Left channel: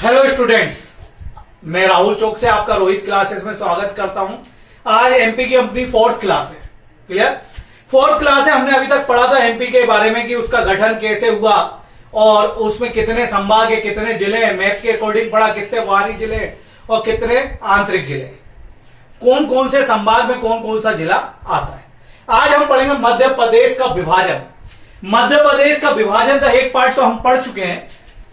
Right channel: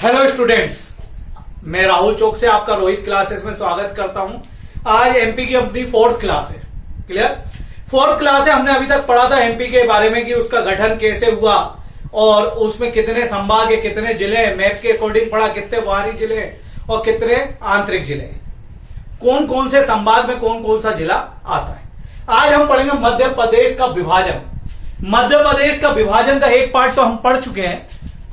Hello students, मैं राहुल चौक से आपका रोहित क्लासेस में स्वागत करता हूं। आज एमपी की अपनी फोर्थ क्लास है। क्लियर? फोर्थ क्लास है। हमने अभी तक पढ़ा था एमपी के बारे में कि उसका गठन कैसे हुआ और उसमें कितने संभाग है, कितने जिले हैं। मैप के अकॉर्डिंग पढ़ा कितने बाहरी जिले हैं और कितने आंतरिक जिले हैं, कौन कौन से संभाग में कौन कौन सा जिला आता है। आज हम पढ़ेंगे मध्य प्रदेश का विभाजन। मध्य प्रदेश का विभाजन का एक पार्ट तो हम पढ़ चुके हैं,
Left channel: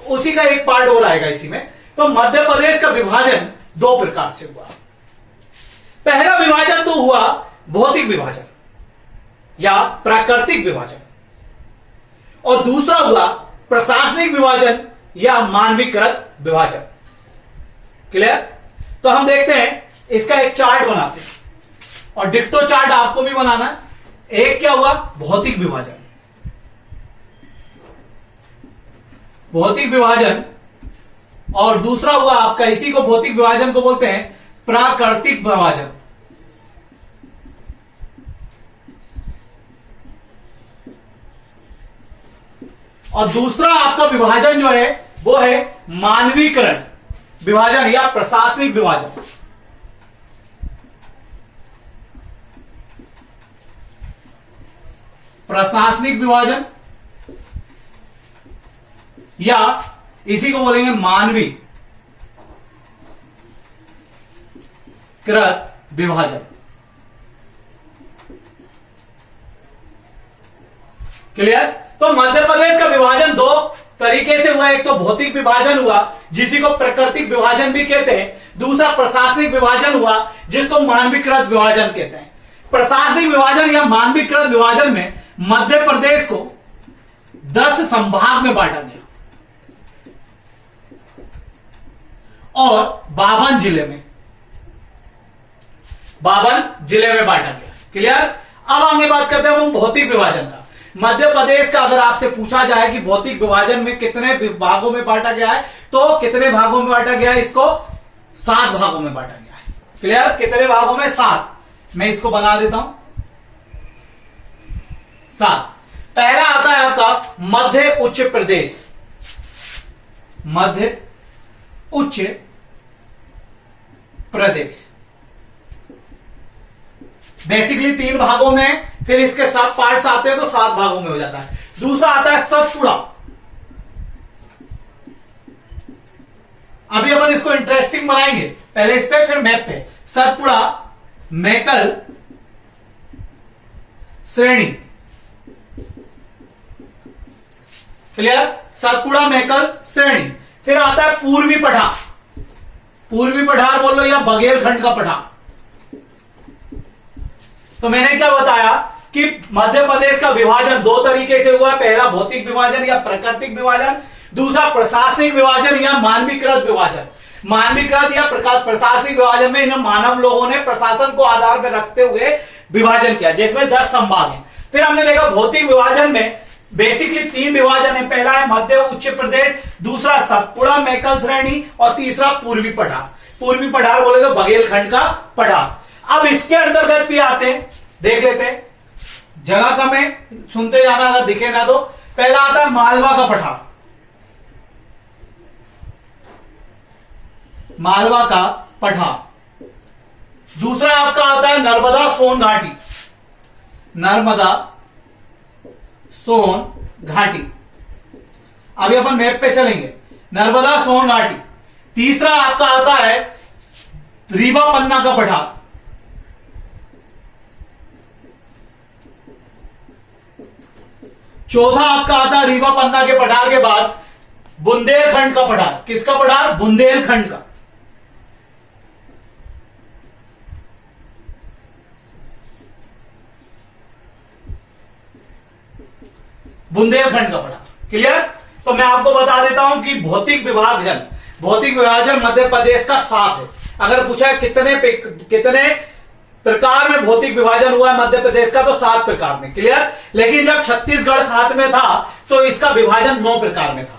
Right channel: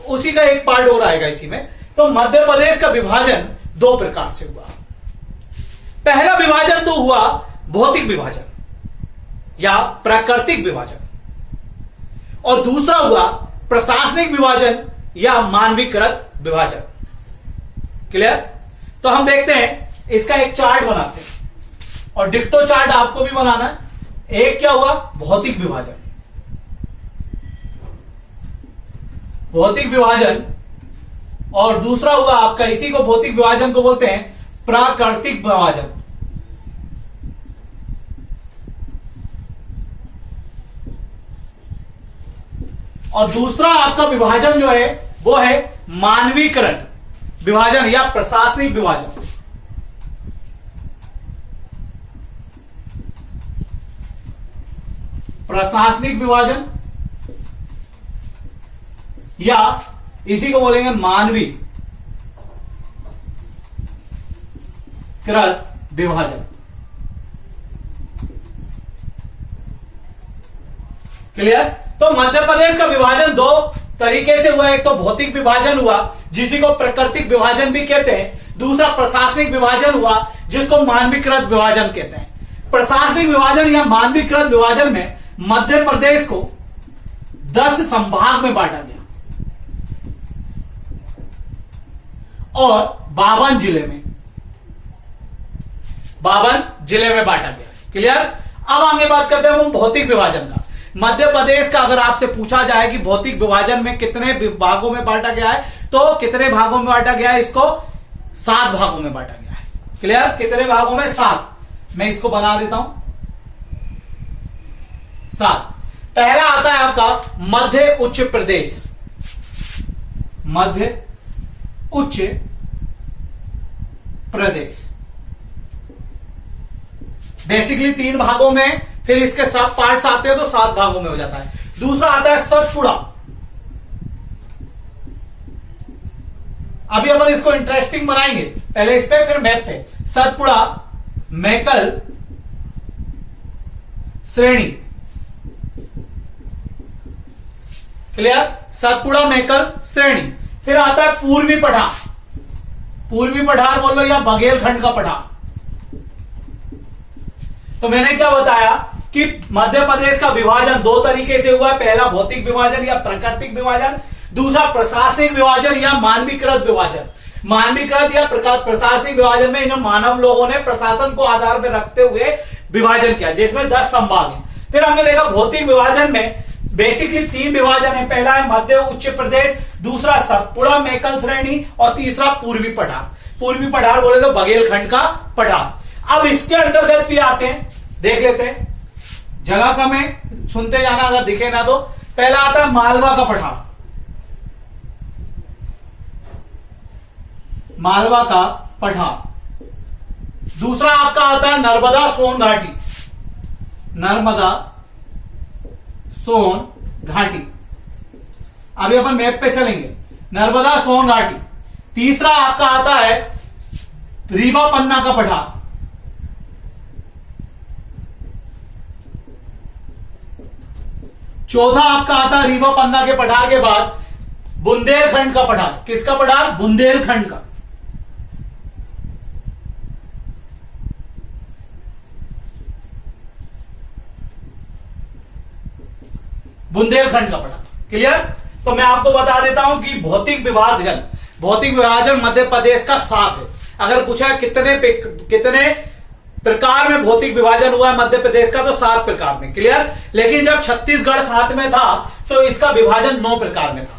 उसी का एक पार्ट और आएगा इसी में। तो मध्य प्रदेश का विभाजन दो प्रकार से हुआ। पहला विभाजन तो हुआ भौतिक विभाजन या प्राकृतिक विभाजन, और दूसरा हुआ प्रशासनिक विभाजन या मानवीकृत विभाजन। क्लियर? तो हम देखते हैं, इसका एक चार्ट बनाते हैं और डिक्टो चार्ट आपको भी बनाना है। एक क्या हुआ? भौतिक विभाजन। भौतिक विभाजन, और दूसरा हुआ आपका, इसी को भौतिक विभाजन को बोलते हैं प्राकृतिक विभाजन। और दूसरा आपका विभाजन जो है वो है मानवीकरण विभाजन या प्रशासनिक विभाजन। प्रशासनिक विभाजन या इसी को बोलेंगे मानवीकृत विभाजन। क्लियर? तो मध्य प्रदेश का विभाजन दो तरीके से हुआ। एक तो भौतिक विभाजन हुआ जिसी को प्राकृतिक विभाजन भी कहते हैं, दूसरा प्रशासनिक विभाजन हुआ जिसको मानवीकृत विभाजन कहते हैं। प्रशासनिक विभाजन या मानवीकृत विभाजन में मध्य प्रदेश को 10 संभाग में बांटा गया और 52 जिले में बांटा गया। क्लियर? अब आगे बात करते हैं हम भौतिक विभाजन का। मध्य प्रदेश का अगर आपसे पूछा जाए कि भौतिक विभाजन में कितने भागों में बांटा गया है, तो कितने भागों में बांटा गया है? इसको 7 भागों में बांटा गया है। क्लियर? कितने भागों में? 7। मैं इसको बना देता हूं 7। पहला आता है आपका मध्य उच्च प्रदेश। मध्य उच्च प्रदेश बेसिकली 3 भागों में, फिर इसके सब पार्ट्स आते हैं तो 7 भागों में हो जाता है। दूसरा आता है सतपुड़ा। अभी अपन इसको इंटरेस्टिंग बनाएंगे, पहले इस पे फिर मैप पे। सतपुड़ा मैकल श्रेणी। क्लियर? सतपुड़ा मैकल श्रेणी। फिर आता है पूर्वी पठार। पूर्वी पठार बोल लो या बघेलखंड का पठार। तो मैंने क्या बताया कि मध्य प्रदेश का विभाजन दो तरीके से हुआ है। पहला भौतिक विभाजन या प्राकृतिक विभाजन, दूसरा प्रशासनिक विभाजन या मानवीकृत विभाजन। मानवीकृत या प्रशासनिक विभाजन में इन मानव लोगों ने प्रशासन को आधार में रखते हुए विभाजन किया, जिसमें 10 संभाग हैं। फिर हमने देखा भौतिक विभाजन में बेसिकली 3 विभाजन है। पहला है मध्य उच्च प्रदेश, दूसरा सतपुड़ा मैकल श्रेणी और तीसरा पूर्वी पठार। पूर्वी पठार बोले तो बघेलखंड का पठार। अब इसके अंतर्गत भी आते हैं, देख लेते हैं। जगह का मैं सुनते जाना, अगर दिखे ना तो। पहला आता है मालवा का पठार। मालवा का पठार। दूसरा आपका आता है नर्मदा सोन घाटी। नर्मदा सोन घाटी। अभी अपन मैप पे चलेंगे। नर्मदा सोन घाटी। तीसरा आपका आता है रीवा पन्ना का पठार। चौथा आपका आता है रीवा पन्ना के पठार के बाद बुंदेलखंड का पठार। किसका पठार? बुंदेलखंड का। बुंदेलखंड का पठार। क्लियर? तो मैं आपको बता देता हूं कि भौतिक विभाजन मध्य प्रदेश का 7 है। अगर पूछा कितने प्रकार में भौतिक विभाजन हुआ है मध्य प्रदेश का, तो 7 प्रकार में। क्लियर? लेकिन जब छत्तीसगढ़ साथ में था तो इसका विभाजन 9 प्रकार में था।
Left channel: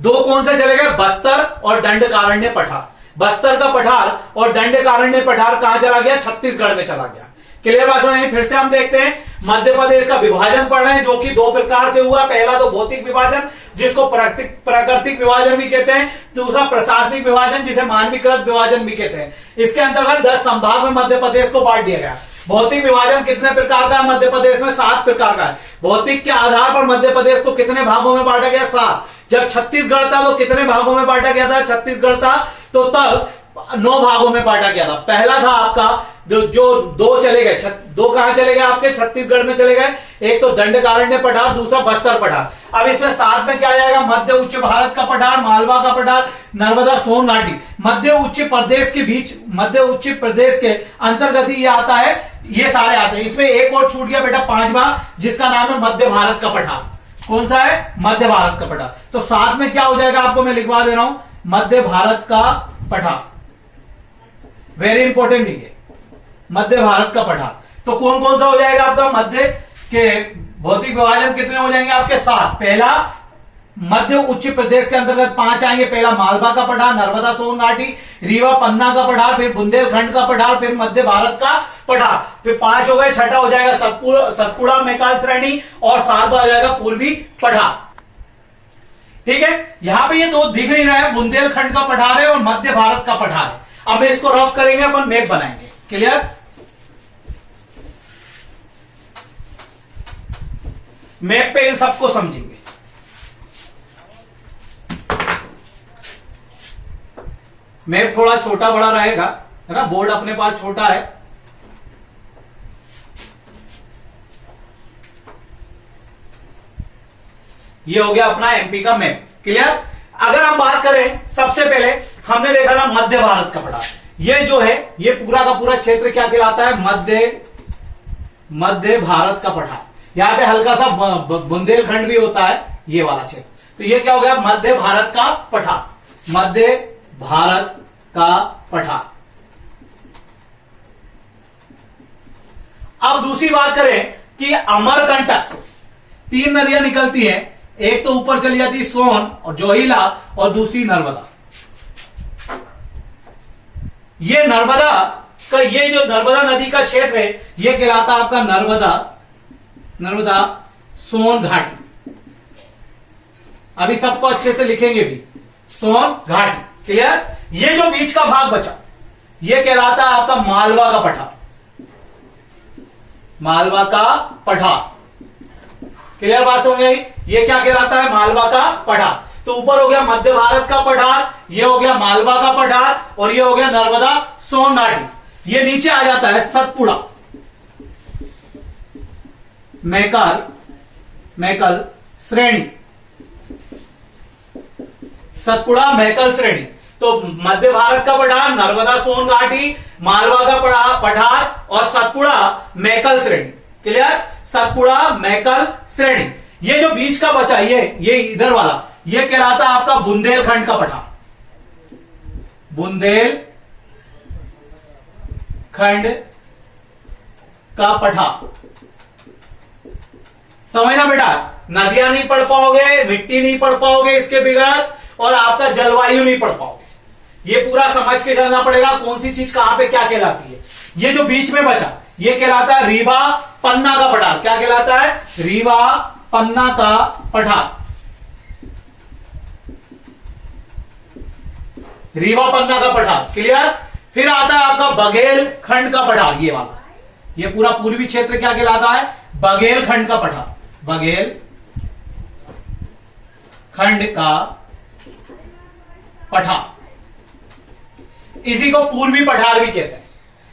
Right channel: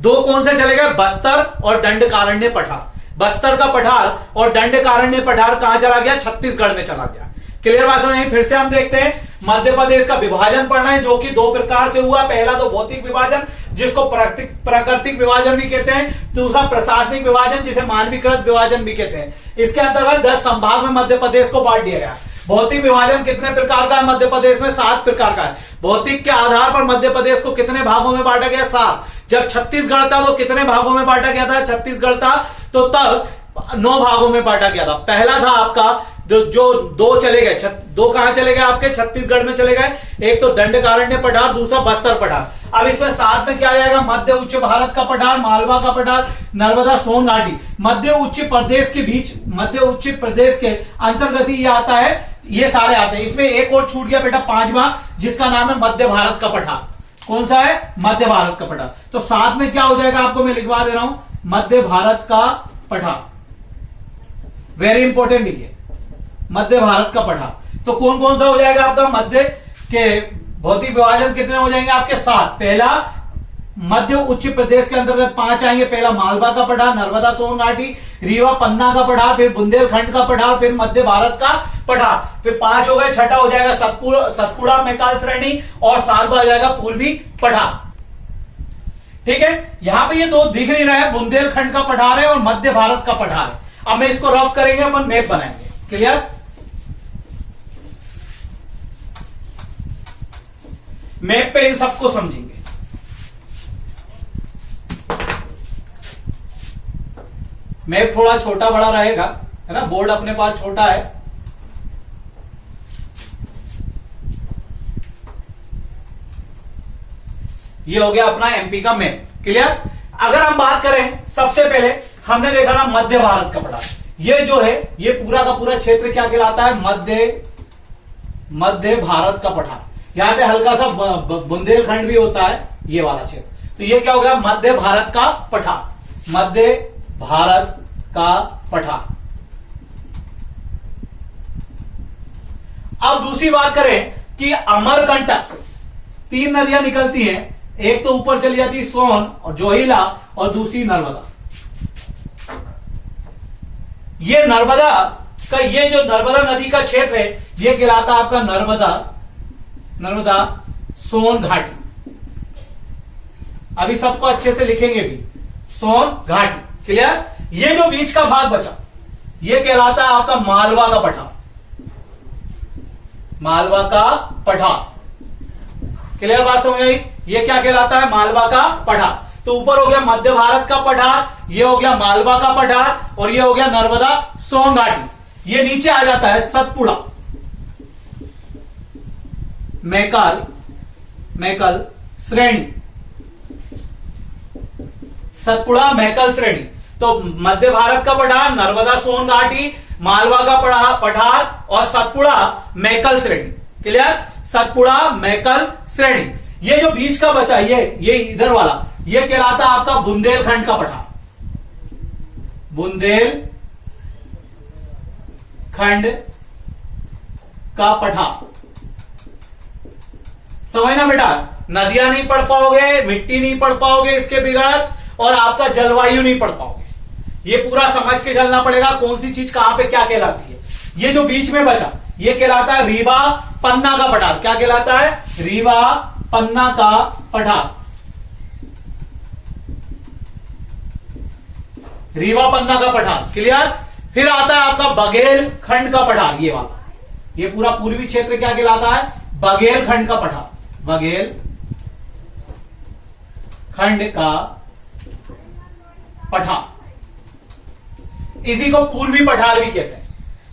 2 कौन से चले गए? बस्तर और दंडकारण्य पठार। बस्तर का पठार और दंडकारण्य पठार कहां चला गया? छत्तीसगढ़ में चला गया। क्लियर बात समझ? फिर से हम देखते हैं मध्य प्रदेश का विभाजन पढ़ रहे हैं, जो कि दो प्रकार से हुआ। पहला तो भौतिक विभाजन, जिसको प्राकृतिक विभाजन भी कहते हैं, दूसरा प्रशासनिक विभाजन, जिसे मानवीकृत विभाजन भी कहते हैं। इसके अंतर्गत 10 संभाग में मध्य प्रदेश को बांट दिया गया। भौतिक विभाजन कितने प्रकार का है मध्य प्रदेश में? 7 प्रकार का है। भौतिक के आधार पर मध्य प्रदेश को कितने भागों में बांटा गया? 7। जब छत्तीसगढ़ था तो कितने भागों में बांटा गया था? छत्तीसगढ़ था तो तब 9 भागों में बांटा गया था। पहला था आपका जो 2 चले गए, 2 कहां चले गए आपके? छत्तीसगढ़ में चले गए। एक तो दंडकारण्य पठार, दूसरा बस्तर पठार। अब इसमें साथ में क्या आ जाएगा? मध्य उच्च भारत का पठार, मालवा का पठार, नर्मदा सोन घाटी। मध्य उच्च प्रदेश के बीच, मध्य उच्च प्रदेश के अंतर्गत ही ये आता है, ये सारे आते हैं। इसमें एक और छूट गया बेटा, 5वां, जिसका नाम है मध्य भारत का पठार। कौन सा है? मध्य भारत का पठार। तो साथ में क्या हो जाएगा आपको मैं लिखवा दे रहा हूं, मध्य भारत का पठार। वेरी इंपॉर्टेंट है मध्य भारत का पठार। तो कौन कौन सा हो जाएगा आपका? मध्य के भौतिक विभाजन कितने हो जाएंगे आपके? 7। पहला मध्य उच्च प्रदेश के अंतर्गत 5 आएंगे। पहला मालवा का पठार, नर्मदा सोन घाटी, रीवा पन्ना का पठार, फिर बुंदेलखंड का पठार, फिर मध्य भारत का पठार। फिर 5 हो गए। छठा हो जाएगा सतपुड़ा मैकाल श्रेणी, और 7वां आ जाएगा पूर्वी पठार। ठीक है, यहां पे ये 2 दिख नहीं रहा है, बुंदेलखंड का पठार है और मध्य भारत का पठार है। अब मैं इसको रफ करेंगे, अपन मैप बनाएंगे। क्लियर? मैप पे इन सबको समझेंगे। मैप थोड़ा छोटा बड़ा रहेगा, है ना, बोर्ड अपने पास छोटा है। ये हो गया अपना एमपी का मैप। क्लियर? अगर हम बात करें, सबसे पहले हमने देखा था मध्य भारत का पठार। ये जो है, ये पूरा का पूरा क्षेत्र क्या कहलाता है? मध्य भारत का पठार। यहां पे हल्का सा बुंदेलखंड भी होता है, ये वाला क्षेत्र। तो ये क्या हो गया? मध्य भारत का पठार। मध्य भारत का पठार। अब दूसरी बात करें कि अमरकंटक से 3 नदियां निकलती हैं। एक तो ऊपर चली जाती है सोन और जोहिला, और दूसरी नर्मदा। ये नर्मदा का, ये जो नर्मदा नदी का क्षेत्र है, ये कहलाता है आपका नर्मदा सोन घाटी। अभी सबको अच्छे से लिखेंगे भी, सोन घाटी। क्लियर? ये जो बीच का भाग बचा, ये कहलाता है आपका मालवा का पठार। मालवा का पठार। क्लियर बात समझ आई? ये क्या कहलाता है? मालवा का पठार। तो ऊपर हो गया मध्य भारत का पठार, ये हो गया मालवा का पठार, और ये हो गया नर्मदा सोन घाटी। ये नीचे आ जाता है सतपुड़ा मैकल श्रेणी। सतपुड़ा मैकल श्रेणी। तो मध्य भारत का पठार, नर्मदा सोन घाटी, मालवा का पठार और सतपुड़ा मैकल श्रेणी। क्लियर? सतपुड़ा मैकल श्रेणी। ये जो बीच का बचा, ये इधर वाला, ये कहलाता है आपका बुंदेलखंड का पठार। बुंदेलखंड का पठार। समझना बेटा, नदियां नहीं पढ़ पाओगे, मिट्टी नहीं पढ़ पाओगे इसके बगैर, और आपका जलवायु नहीं पढ़ पाओगे। ये पूरा समझ के चलना पड़ेगा, कौन सी चीज कहां पे क्या कहलाती है। ये जो बीच में बचा, ये कहलाता है रीवा पन्ना का पठार। क्या कहलाता है? रीवा पन्ना का पठार। रीवा पन्ना का पठार। क्लियर? फिर आता है आपका बघेलखंड का पठार। ये वाला, ये पूरा पूर्वी क्षेत्र क्या कहलाता है? बघेलखंड का पठार। बघेलखंड का पठार। इसी को पूर्वी पठार भी कहते हैं।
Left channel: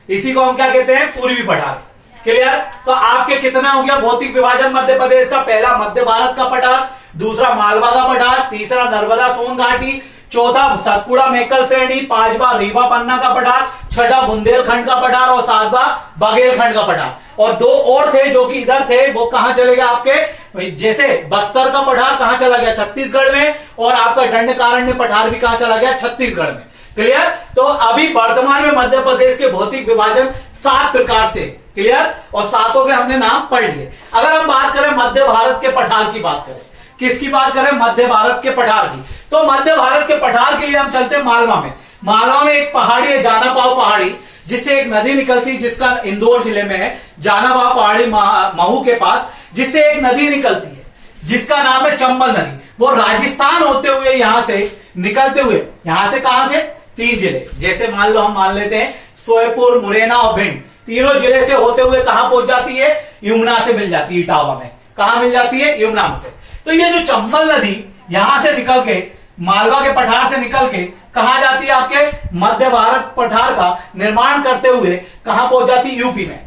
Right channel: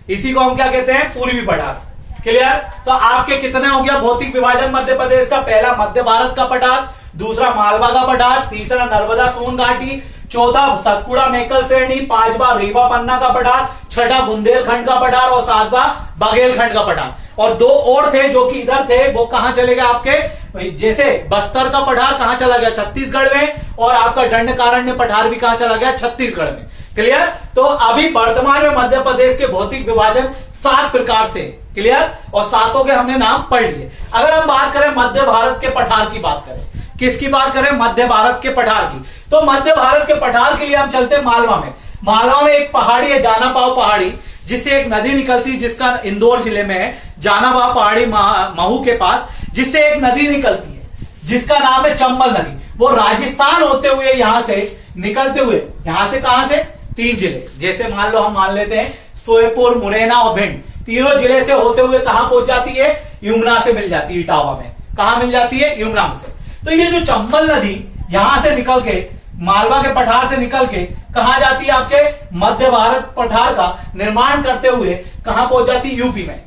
इसी को हम क्या कहते हैं? पूर्वी पठार। क्लियर? तो आपके कितने हो गया भौतिक विभाजन मध्य प्रदेश का? पहला मध्य भारत का पठार, दूसरा मालवा का पठार, तीसरा नर्मदा सोन घाटी, चौथा सतपुड़ा मैकल श्रेणी, 5वां रीवा पन्ना का पठार, 6वां बुंदेलखंड का पठार और 7वां बघेलखंड का पठार। और 2 और थे जो कि इधर थे, वो कहां चले गए आपके? जैसे बस्तर का पठार कहां चला गया? छत्तीसगढ़ में, और आपका दंडकारण्य पठार भी कहां चला गया? छत्तीसगढ़ में। क्लियर? तो अभी वर्तमान में मध्य प्रदेश के भौतिक विभाजन 7 प्रकार से। क्लियर? और 7 के हमने नाम पढ़ लिए। अगर हम बात करें मध्य भारत के पठार की बात करें, किसकी बात करें? मध्य भारत के पठार की। तो मध्य भारत के पठार के लिए हम चलते हैं मालवा में। मालवा में एक पहाड़ी है, जाना पाव पहाड़ी, जिससे एक नदी निकलती है जिसका इंदौर जिले में है, जानावा पहाड़ी महू के पास, जिससे एक नदी निकलती है जिसका नाम है चंबल नदी। वो राजस्थान होते हुए यहां से निकलते हुए, यहां से कहां से, 3 जिले, जैसे मान लो हम मान लेते हैं सोयपुर, मुरैना और भिंड, तीनों जिले से होते हुए कहां पहुंच जाती है, यमुना से मिल जाती है, इटावा में। कहां मिल जाती है, यमुना में से। तो ये जो चंबल नदी यहां से निकल के, मालवा के पठार से निकल के कहां जाती है, आपके मध्य भारत पठार का निर्माण करते हुए कहां पहुंच जाती है, यूपी में।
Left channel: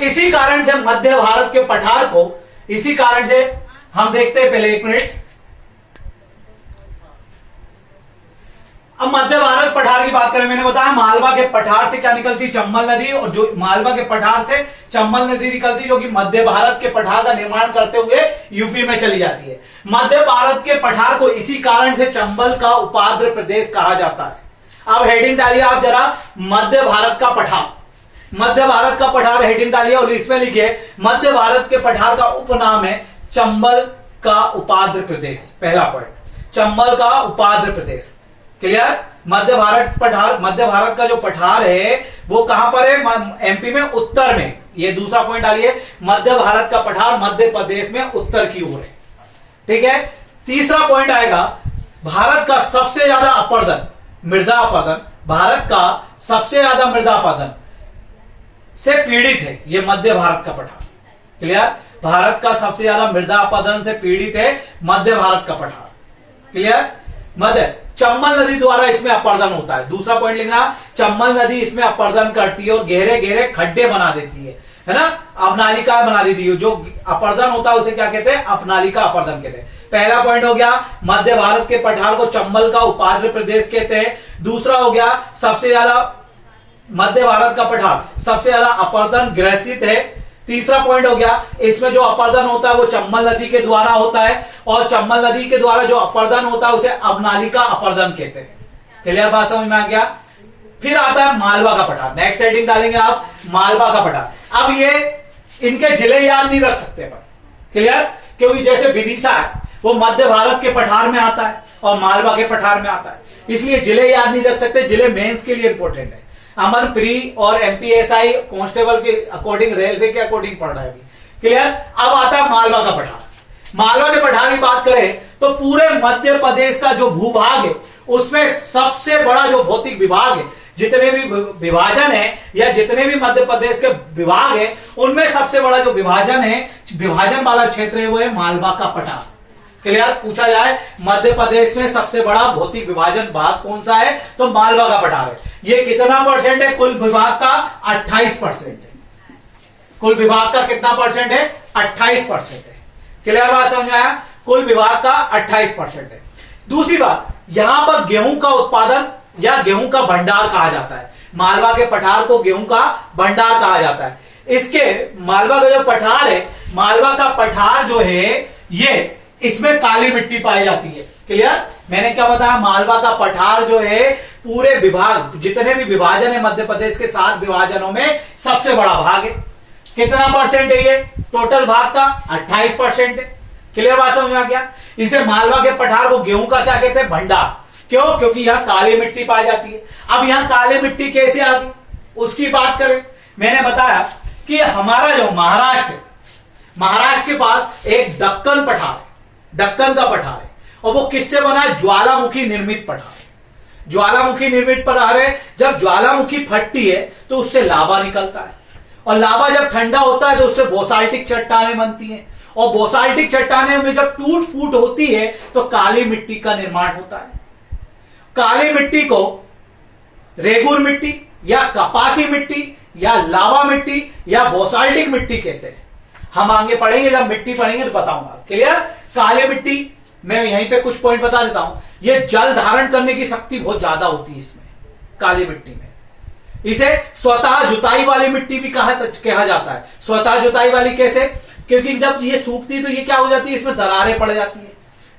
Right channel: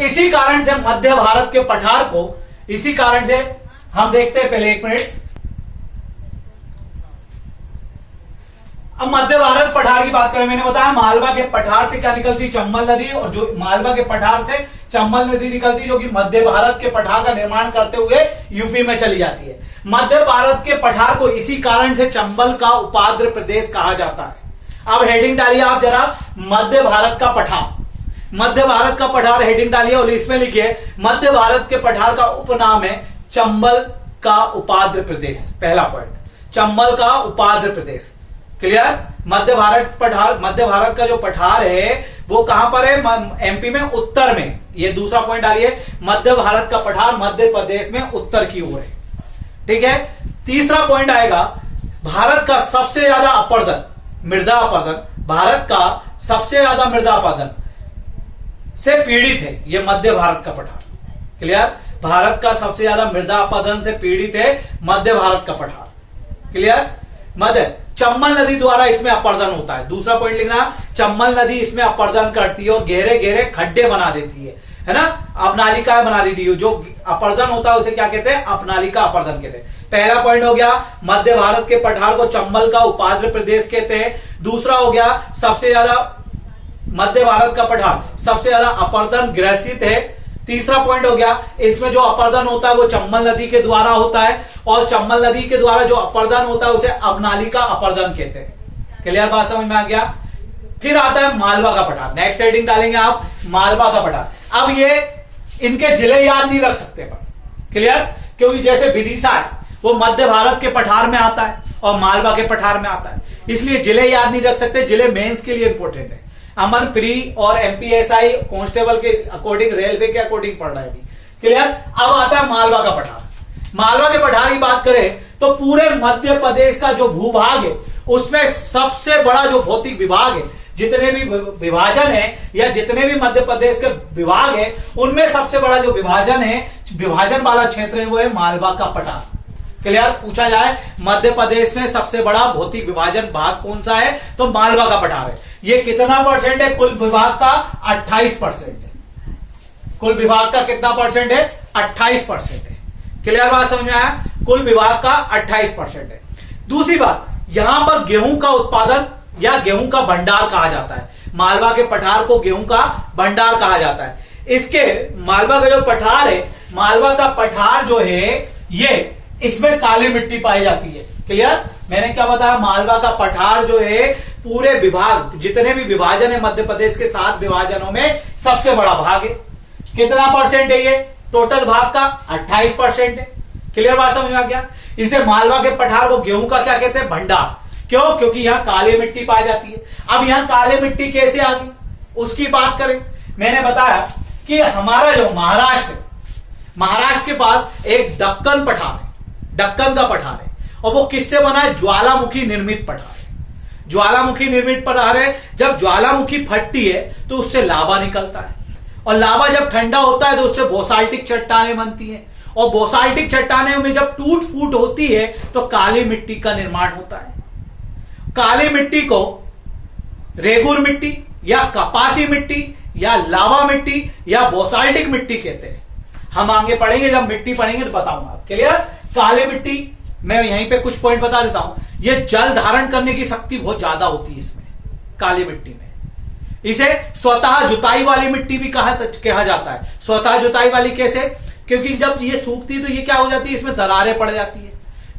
इसी कारण से मध्य भारत के पठार को, इसी कारण से हम देखते हैं, पहले 1 मिनट, अब मध्य भारत पठार की बात करें, मैंने बताया मालवा के पठार से क्या निकलती, चंबल नदी, और जो मालवा के पठार से चंबल नदी निकलती, जो कि मध्य भारत के पठार का निर्माण करते हुए यूपी में चली जाती है। मध्य भारत के पठार को इसी कारण से चंबल का उपाद्र प्रदेश कहा जाता है। अब हेडिंग डालिए आप जरा, मध्य भारत का पठार, मध्य भारत का पठार हेडिंग डालिए और इसमें लिखिए मध्य भारत के पठार का उपनाम है चंबल का उपाद्र प्रदेश। पहला पॉइंट, चंबल का उपाद्र प्रदेश, क्लियर। मध्य भारत पठार, मध्य भारत का जो पठार है वो कहां पर है, एमपी में, उत्तर में। ये दूसरा पॉइंट डालिए, मध्य भारत का पठार मध्य प्रदेश में उत्तर की ओर है, ठीक है। तीसरा पॉइंट आएगा, भारत का सबसे ज्यादा अपरदन, मृदा अपरदन, भारत का सबसे ज्यादा मृदा अपरदन से पीड़ित है ये मध्य भारत का पठार, क्लियर। भारत का सबसे ज्यादा मृदा अपरदन से पीड़ित है मध्य भारत का पठार, क्लियर। मध्य चंबल नदी द्वारा इसमें अपरदन होता है। दूसरा पॉइंट लिखना, चंबल नदी इसमें अपरदन करती है और गहरे गहरे खड्डे बना देती है ना, अपनालिका बना देती है। जो अपरदन होता है उसे क्या कहते हैं, अपनालिका अपरदन कहते हैं। पहला पॉइंट हो गया, मध्य भारत के पठार को चंबल का उपाद्र प्रदेश कहते हैं। दूसरा हो गया, सबसे ज्यादा मध्य भारत का पठार सबसे ज्यादा अपरदन ग्रसित है। तीसरा पॉइंट हो गया, इसमें जो अपरदन होता है वो चंबल नदी के द्वारा होता है, और चंबल नदी के द्वारा जो अपरदन होता है उसे अपनालिका अपरदन कहते हैं। क्लियर, बात समझ में आ गया। फिर आता है मालवा का पठार, नेक्स्ट हेडिंग डालेंगे आप, मालवा का पठार। अब ये इनके जिले याद नहीं रख सकते पर, क्लियर, क्योंकि जैसे विदिशा है वो मध्य भारत के पठार में आता है और मालवा के पठार में आता है, इसलिए जिले याद नहीं रख सकते। जिले मेंस के लिए इंपॉर्टेंट है। अमन प्री और एमपीएसआई कांस्टेबल के अकॉर्डिंग, रेलवे के अकॉर्डिंग पढ़ रहा है अभी, क्लियर। अब आता है मालवा का पठार। मालवा के पठार की बात करें तो पूरे मध्य प्रदेश का जो भूभाग है उसमें सबसे बड़ा जो भौतिक विभाग है, जितने भी विभाजन है या जितने भी मध्य प्रदेश के विभाग है उनमें सबसे बड़ा जो विभाजन है, विभाजन वाला क्षेत्र है, वो है मालवा का पठार। क्लियर, पूछा जाए मध्य प्रदेश में सबसे बड़ा भौतिक विभाजन भाग कौन सा है, तो मालवा का पठार है। ये कितना परसेंट है, कुल विभाग का 28% है। कुल विभाग का कितना परसेंट है, 28% है। क्लियर, बात समझ आया, कुल विभाग का 28% है। दूसरी बात, यहां पर गेहूं का उत्पादन या गेहूं का भंडार कहा जाता है। मालवा के पठार को गेहूं का भंडार कहा जाता है। इसके मालवा का जो पठार है, मालवा का पठार जो है ये, इसमें काली मिट्टी पाई जाती है। क्लियर, मैंने क्या बताया, मालवा का पठार जो है पूरे विभाग, जितने भी विभाजन है मध्य प्रदेश के 7 विभाजनों में सबसे बड़ा भाग है। कितना परसेंट है ये, टोटल भाग का 28% है। क्लियर, बात समझ में आ गया। इसे मालवा के पठार को गेहूं का क्या कहते हैं, भंडार। क्यों, क्योंकि यहां काली मिट्टी पाई जाती है। अब यहां काली मिट्टी कैसे आ गई उसकी बात करें, मैंने बताया कि हमारा जो महाराष्ट्र के पास एक दक्कन पठार है, दक्कन का पठार है, और वो किससे बना है, ज्वालामुखी निर्मित पठार है। ज्वालामुखी निर्मित पठार है। जब ज्वालामुखी फटती है तो उससे लावा निकलता है, और लावा जब ठंडा होता है तो उससे बोसाल्टिक चट्टानें बनती हैं, और बोसाल्टिक चट्टानें में जब टूट फूट होती है तो काली मिट्टी का निर्माण होता है। काली मिट्टी को रेगुर मिट्टी या कपासी मिट्टी या लावा मिट्टी या बोसाल्टिक मिट्टी कहते हैं। हम आगे पढ़ेंगे, जब मिट्टी पढ़ेंगे तो बताऊंगा। क्लियर, काली मिट्टी, मैं यहीं पे कुछ पॉइंट बता देता हूं। ये जल धारण करने की शक्ति बहुत ज्यादा होती है इसमें, काली मिट्टी में। इसे स्वतः जुताई वाली मिट्टी भी कहा जाता है। स्वतः जुताई वाली कैसे, क्योंकि जब ये सूखती है तो ये क्या हो जाती है, इसमें दरारें पड़ जाती है।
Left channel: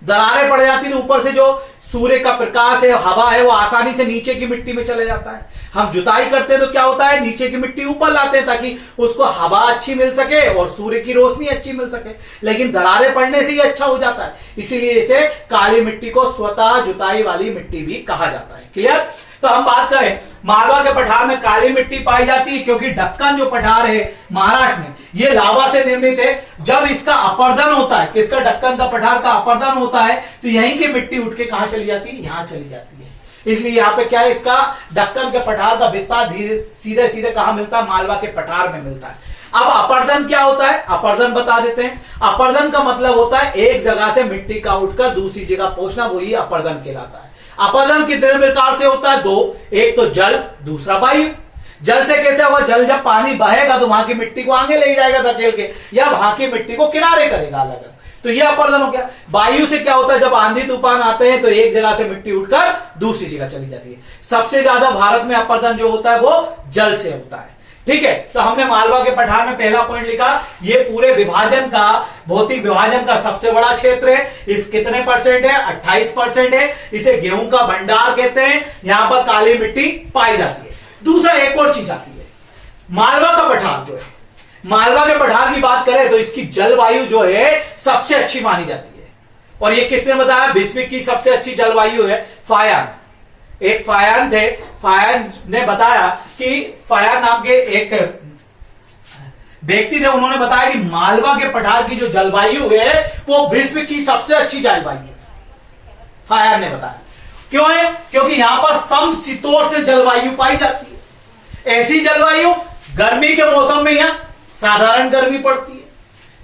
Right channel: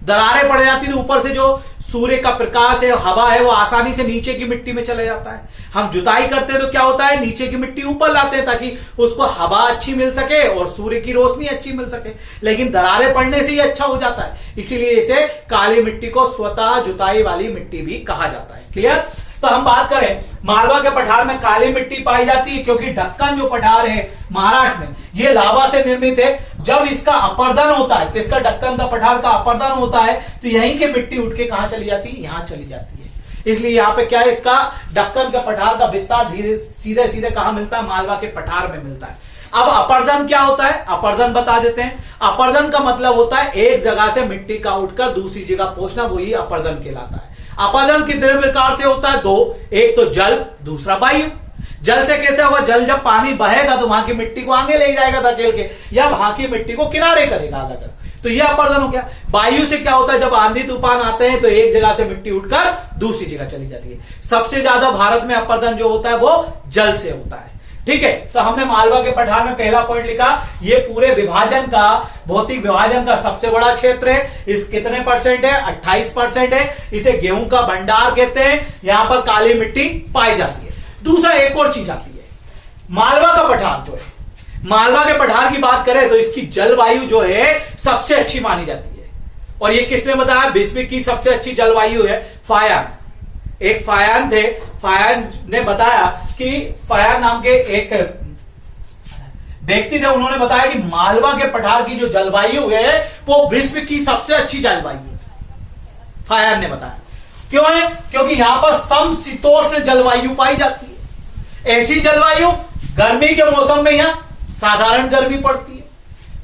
दरारें पड़ जाती है तो ऊपर से जो सूर्य का प्रकाश है, हवा है, वो आसानी से नीचे की मिट्टी में चले जाता है। हम जुताई करते हैं तो क्या होता है, नीचे की मिट्टी ऊपर लाते हैं ताकि उसको हवा अच्छी मिल सके और सूर्य की रोशनी अच्छी मिल सके, लेकिन दरारें पड़ने से ही अच्छा हो जाता है। इसीलिए इसे काली मिट्टी को स्वतः जुताई वाली मिट्टी भी कहा जाता है। क्लियर, तो हम बात करें मालवा के पठार में काली मिट्टी पाई जाती है, क्योंकि दक्कन जो पठार है महाराष्ट्र में ये लावा से निर्मित है। जब इसका अपरदन होता है, इसका दक्कन का पठार का अपरदन होता है, तो यहीं की मिट्टी उठ के कहां चली जाती है, यहां चली जाती है। इसलिए यहाँ पे क्या है, इसका दक्कन के पठार का विस्तार धीरे सीधे सीधे कहां मिलता है, मालवा के पठार में मिलता है। अब अपर्दन क्या होता है, अपर्दन बता देते हैं। अपर्दन का मतलब होता है एक जगह से मिट्टी का उठकर दूसरी जगह पहुंचना, वही अपर्दन कहलाता है। अपर्दन कितने प्रकार से होता है, दो, एक तो जल, दूसरा वायु। जल से कैसे होगा, जल जब पानी बहेगा तो वहां की मिट्टी को आगे ले जाएगा धकेल के, या वहां की मिट्टी को किनारे करेगा अलग अलग, तो यह अपर्दन हो गया। वायु से क्या होता है, जब आंधी तूफान आते हैं तो एक जगह से मिट्टी उठकर दूसरी जगह चली जाती है। सबसे ज्यादा भारत में अपर्दन जो होता है वो जल से होता है। ठीक है, तो हमने मालवा के पठार में पहला पॉइंट लिखा, ये पूरे विभाजन का, भौतिक विभाजन का सबसे बड़ा क्षेत्र है। इस कितने परसेंट है, 28% है। इसे गेहूं का भंडार कहते हैं। यहां पर काली मिट्टी पाई जाती है। दूसरा एक और चीज आती है, मालवा का पठार जो है, मालवा के पठार की बात करें तो इसकी जलवायु जो है सबसे अच्छी मानी जाती है। और ये किसने बताया, विश्व की सबसे अच्छी जलवायु है फायान। एक फायान थे, फायान ने बताया कि फायान नाम के एक व्यक्ति थे, उन्होंने बताया कि मालवा के पठार की जो जलवायु है वो विश्व की सबसे अच्छी जलवायु है, फायान ने बताया। क्यों है, क्योंकि यहां पर समशीतोष्ण जलवायु पाई जाती है। ऐसी जलवायु गर्मी के मौसम में यहां साधारण गर्मी पड़ती है,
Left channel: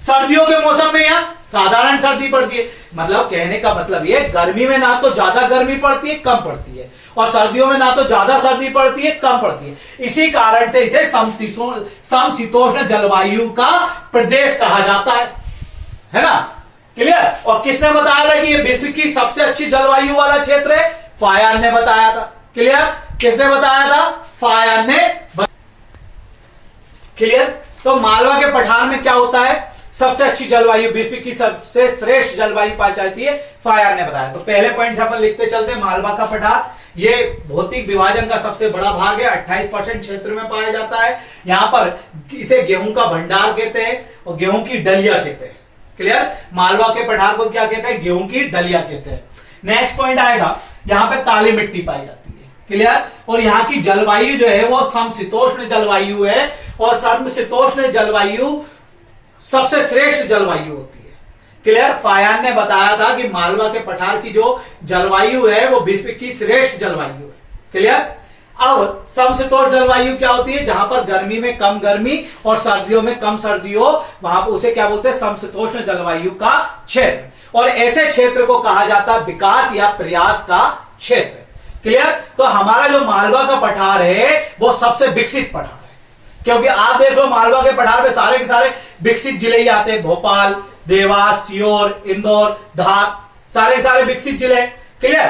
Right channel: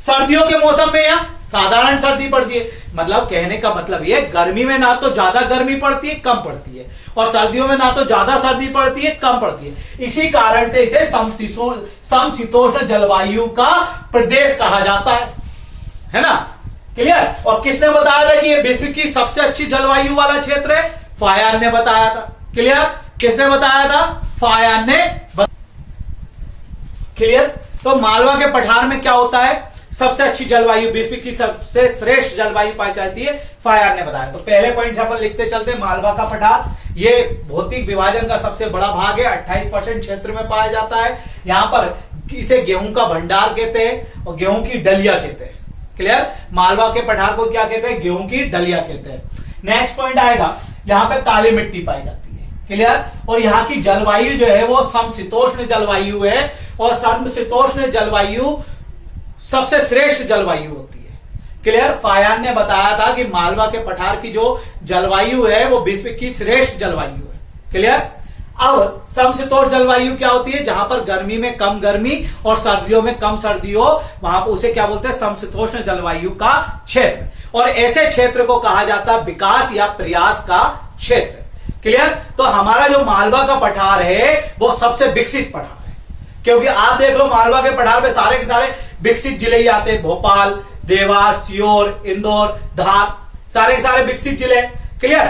सर्दियों के मौसम में यहां साधारण सर्दी पड़ती है। मतलब कहने का मतलब ये, गर्मी में ना तो ज्यादा गर्मी पड़ती है, कम पड़ती है, और सर्दियों में ना तो ज्यादा सर्दी पड़ती है, कम पड़ती है। इसी कारण से इसे समशीतोष्ण जलवायु का प्रदेश कहा जाता है ना। क्लियर। और किसने बताया था कि ये विश्व की सबसे अच्छी जलवायु वाला क्षेत्र है, फायान ने बताया था। क्लियर। किसने बताया था, फायान ने। क्लियर। तो मालवा के पठार में क्या होता है, सबसे अच्छी जलवायु, विश्व की सबसे श्रेष्ठ जलवायु पाई जाती है, फायान ने बताया। तो पहले पॉइंट से अपन लिखते चलते हैं, मालवा का पठार ये भौतिक विभाजन का सबसे बड़ा भाग है, 28% क्षेत्र में पाया जाता है। यहां पर इसे गेहूं का भंडार कहते हैं और गेहूं की डलिया कहते हैं। क्लियर। मालवा के पठार को क्या कहते हैं, गेहूं की डलिया कहते हैं। नेक्स्ट पॉइंट आएगा, यहां पे काली मिट्टी पाई जाती है। क्लियर। और यहाँ की जलवायु जो है वो समशीतोष्ण जलवायु है, और समशीतोष्ण जलवायु सबसे श्रेष्ठ जलवायु होती है। क्लियर। फायान ने बताया था कि मालवा के पठार की जो जलवायु है वो विश्व की श्रेष्ठ जलवायु है। क्लियर। अब समशीतोष्ण जलवायु क्या होती है, जहां पर गर्मी में कम गर्मी और सर्दियों में कम सर्दी हो, वहां पर उसे क्या बोलते हैं, समशीतोष्ण जलवायु का क्षेत्र। और ऐसे क्षेत्र को कहा जाता है विकास या प्रयास का क्षेत्र। क्लियर। तो हमारा जो मालवा का पठार है वो सबसे विकसित पठार है, क्योंकि आप देख लो मालवा के पठार में सारे के सारे विकसित जिले ही आते हैं, भोपाल, देवास, सीहोर, इंदौर, धार, सारे के सारे विकसित जिले। क्लियर।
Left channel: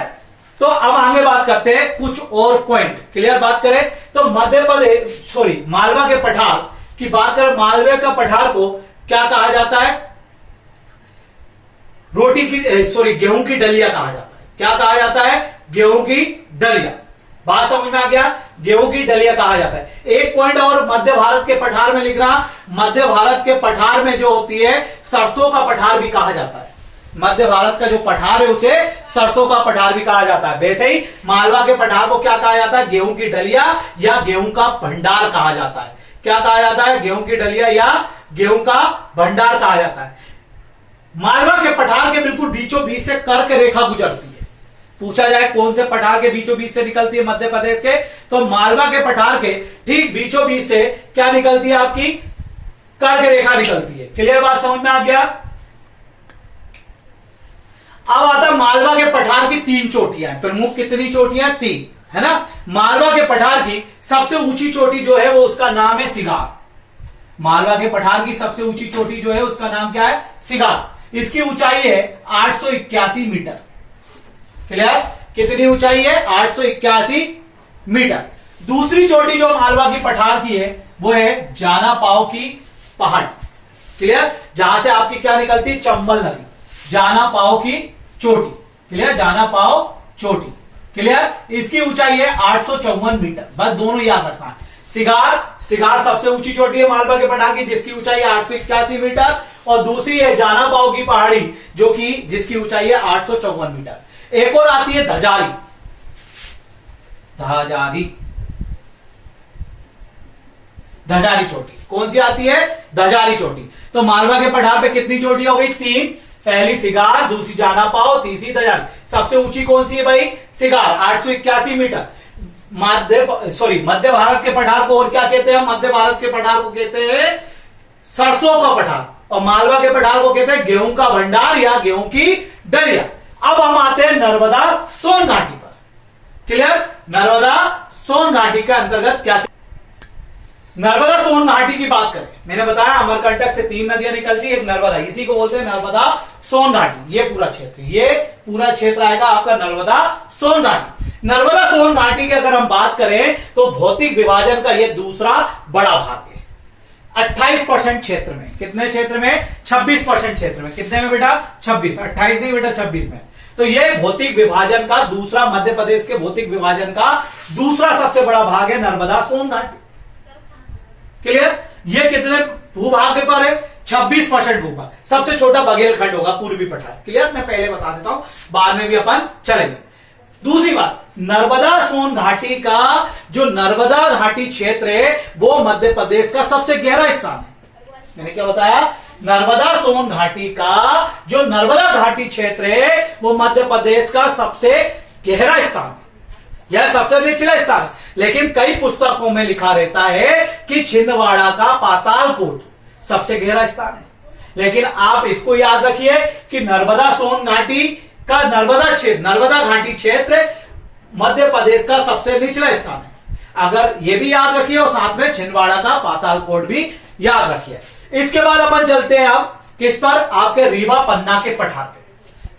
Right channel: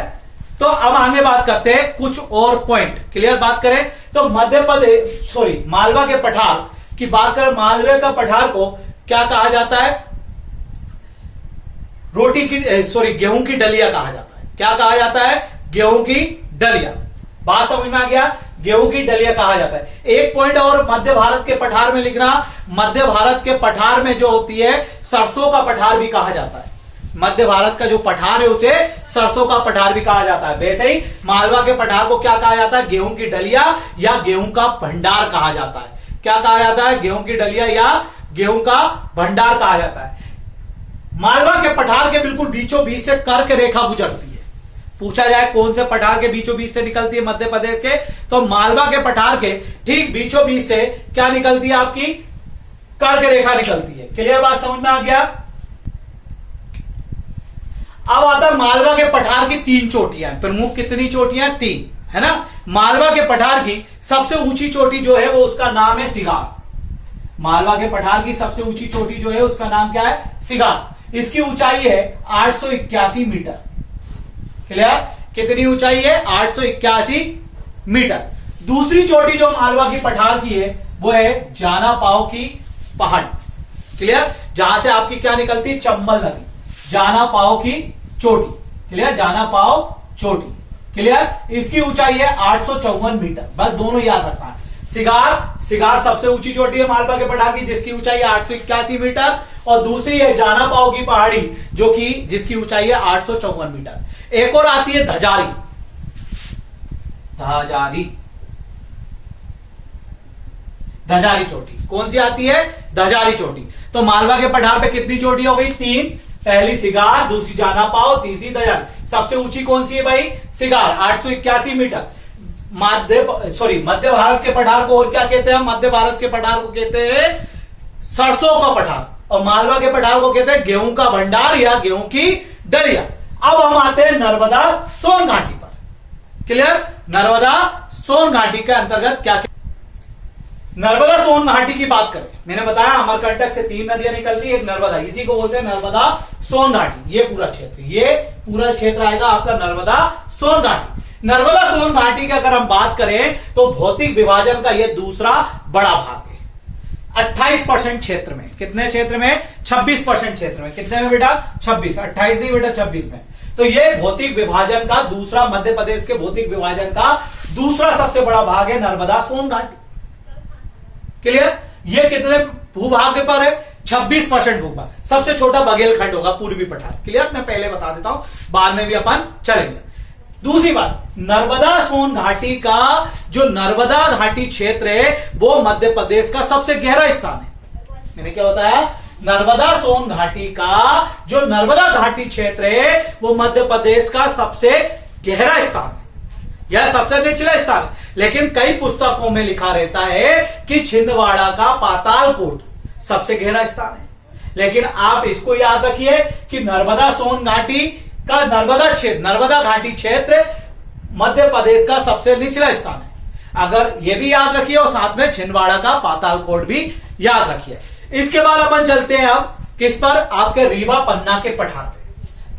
तो अब आगे बात करते हैं कुछ और पॉइंट। क्लियर। बात करें तो मध्य प्रदेश, मालवा के पठार की बात करें, मालवे का पठार को क्या कहा जाता है, गेहूं की डलिया कहा जाता है। क्या कहा जाता है, गेहूं की डलिया। बात समझ में आ गया, गेहूं की डलिया कहा जाता है। एक पॉइंट और मध्य भारत के पठार में लिखना, मध्य भारत के पठार में जो होती है सरसों का पठार भी कहा जाता है। मध्य भारत का जो पठार है उसे सरसों का पठार भी कहा जाता है। वैसे ही मालवा के पठार को क्या कहा जाता है, गेहूं की डलिया या गेहूं का भंडार कहा जाता है। क्या कहा जाता है, गेहूं की डलिया या गेहूं का भंडार कहा जाता है। मालवा के पठार के बिल्कुल बीचों बीच से कर्क रेखा गुजरती है। पूछा जाए कौन से पठार के बीचों बीच से निकलती है मध्य प्रदेश के, तो मालवा के पठार के ठीक बीचों बीच से क्या निकलती है, आपकी कर्क रेखा निकलती है। क्लियर। बात समझ में आ गया। अब आता मालवा के पठार की 3 चोटियां, प्रमुख कितनी चोटियां, 3 है ना। मालवा के पठार की सबसे ऊंची चोटी जो है वो उसका नाम है सिगार। मालवा के पठार की सबसे ऊंची चोटी जो है उसका नाम क्या है, सिगार। इसकी ऊंचाई है 881 मीटर। क्लियर। कितनी ऊंचाई है, 881 मीटर। दूसरी चोटी जो मालवा की पठार की है वो है जाना पाव की पहाड़। क्लियर। जहां से आपकी क्या निकलती है, चंबल नदी, जाना पाव की चोटी। क्लियर। जाना पाव चोटी। क्लियर। इसकी ऊंचाई है 854 मीटर। बस दोनों याद रखना। सिगार सबसे ऊंची चोटी है मालवा के पठार की, जिसकी ऊंचाई है 881 मीटर, और दूसरी है जाना पाव की पहाड़ी जो कि जिसकी ऊंचाई है 854 मीटर। एक और आती है धजाली। धजारी, धजारी चोटी कौन सी आती है? धजारी चोटी। तो मालवा के पठार पे कितनी चोटी हो गई? 3। पहली सिगार, दूसरी जाना पाओ, तीसरी धजारी। सबसे ऊंची कौन सी है भाई? Cigar 881 metre. मध्य भारत के पठार को और क्या कहते हैं? मध्य भारत के पठार को कहते हैं सरसों का पठार, और मालवा के पठार को कहते हैं गेहूं का भंडार या गेहूं की दलिया। अब हम आते हैं नर्मदा सोन घाटी पर। क्लियर? नर्मदा सोन घाटी के अंतर्गत क्या? नर्मदा सोन घाटी की बात करें, मैंने बताया अमरकंटक से 3 नदियां निकलती है, एक नर्मदा, इसी को बोलते हैं नर्मदा सोन घाटी। ये पूरा क्षेत्र आएगा आपका नर्मदा सोन घाटी। नर्मदा सोन घाटी की अगर हम बात करें तो भौतिक विभाजन का यह दूसरा बड़ा भाग है। 28% क्षेत्र में, कितने क्षेत्र में? 26% क्षेत्र में। कितने में बेटा? 26, 28 नहीं बेटा, 26 में। तो ये भौतिक विभाजन का दूसरा, मध्य प्रदेश के भौतिक विभाजन का दूसरा सबसे बड़ा भाग है नर्मदा सोन घाटी। क्लियर? ये कितने भूभाग पर है? 26% भूभाग। सबसे छोटा बघेलखंड होगा, पूर्वी पठार। क्लियर? मैं पहले बता देता हूं, बाद में भी अपन चलेंगे। दूसरी बात, नर्मदा सोन घाटी का जो नर्मदा घाटी क्षेत्र है वो मध्य प्रदेश का सबसे गहरा स्थान है। मैंने क्या बताया? नर्मदा सोन घाटी का जो नर्मदा घाटी क्षेत्र है वो मध्य प्रदेश का सबसे गहरा स्थान है, यह सबसे निचला स्थान है। लेकिन कई पुस्तकों में लिखा रहता है कि छिंदवाड़ा का पातालकोट सबसे गहरा स्थान है। लेकिन आप इसको याद रखिए कि नर्मदा सोन घाटी का नर्मदा घाटी क्षेत्र मध्य प्रदेश का सबसे निचला स्थान है। अगर ये भी याद रखिए और साथ में छिंदवाड़ा का पातालकोट भी याद रखिए। इसके बाद अपन चलते हैं अब किस पर? आपके रीवा पन्ना के पठार पे।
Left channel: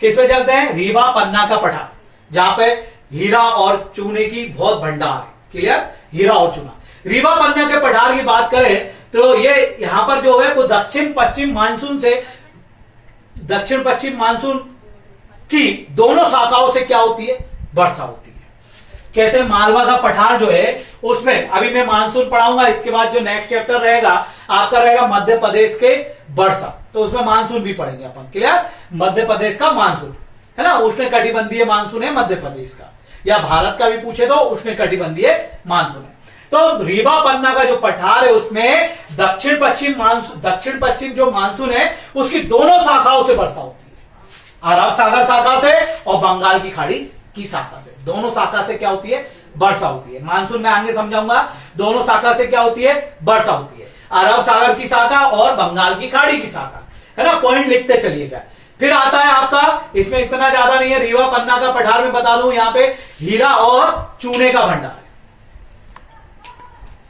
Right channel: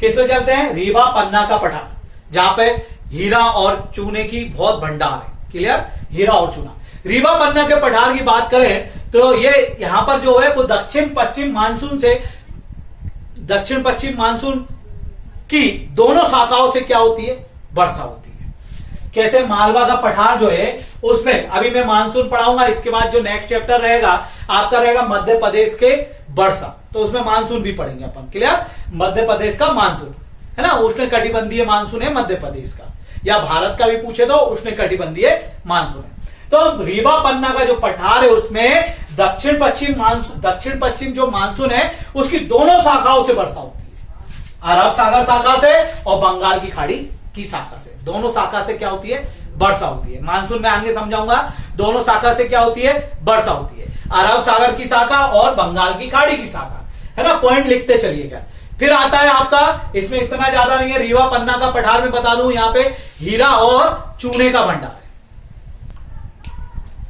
किस पे चलते हैं? रीवा पन्ना का पठार, जहां पे हीरा और चूने की बहुत भंडार है। क्लियर? हीरा और चूना। रीवा पन्ना के पठार की बात करें तो ये यहां पर जो है वो दक्षिण पश्चिम मानसून की दोनों शाखाओं से क्या होती है? वर्षा होती है। कैसे? मालवा का पठार जो है उसमें अभी मैं मानसून पढ़ाऊंगा, इसके बाद जो नेक्स्ट चैप्टर रहेगा आपका रहेगा मध्य प्रदेश के वर्षा, तो उसमें मानसून भी पढ़ेंगे अपन। क्लियर? मध्य प्रदेश का मानसून है ना, उष्णकटिबंधीय मानसून है मध्य प्रदेश का, या भारत का भी पूछे तो उष्णकटिबंधीय मानसून है। तो रीवा पन्ना का जो पठार है उसमें दक्षिण पश्चिम जो मानसून है उसकी दोनों शाखाओं से वर्षा होती है। अरब सागर शाखा से और बंगाल की खाड़ी की शाखा से, दोनों शाखा से क्या होती है? वर्षा होती है। मानसून में आगे समझाऊंगा, दोनों शाखा से क्या होती है? वर्षा होती है। अरब सागर की शाखा और बंगाल की खाड़ी की शाखा, है ना। पॉइंट लिखते चलिएगा। फिर आता है आपका, इसमें इतना ज्यादा नहीं है, रीवा पन्ना का पठार में बता दूं यहां पे हीरा और चूने का भंडार है।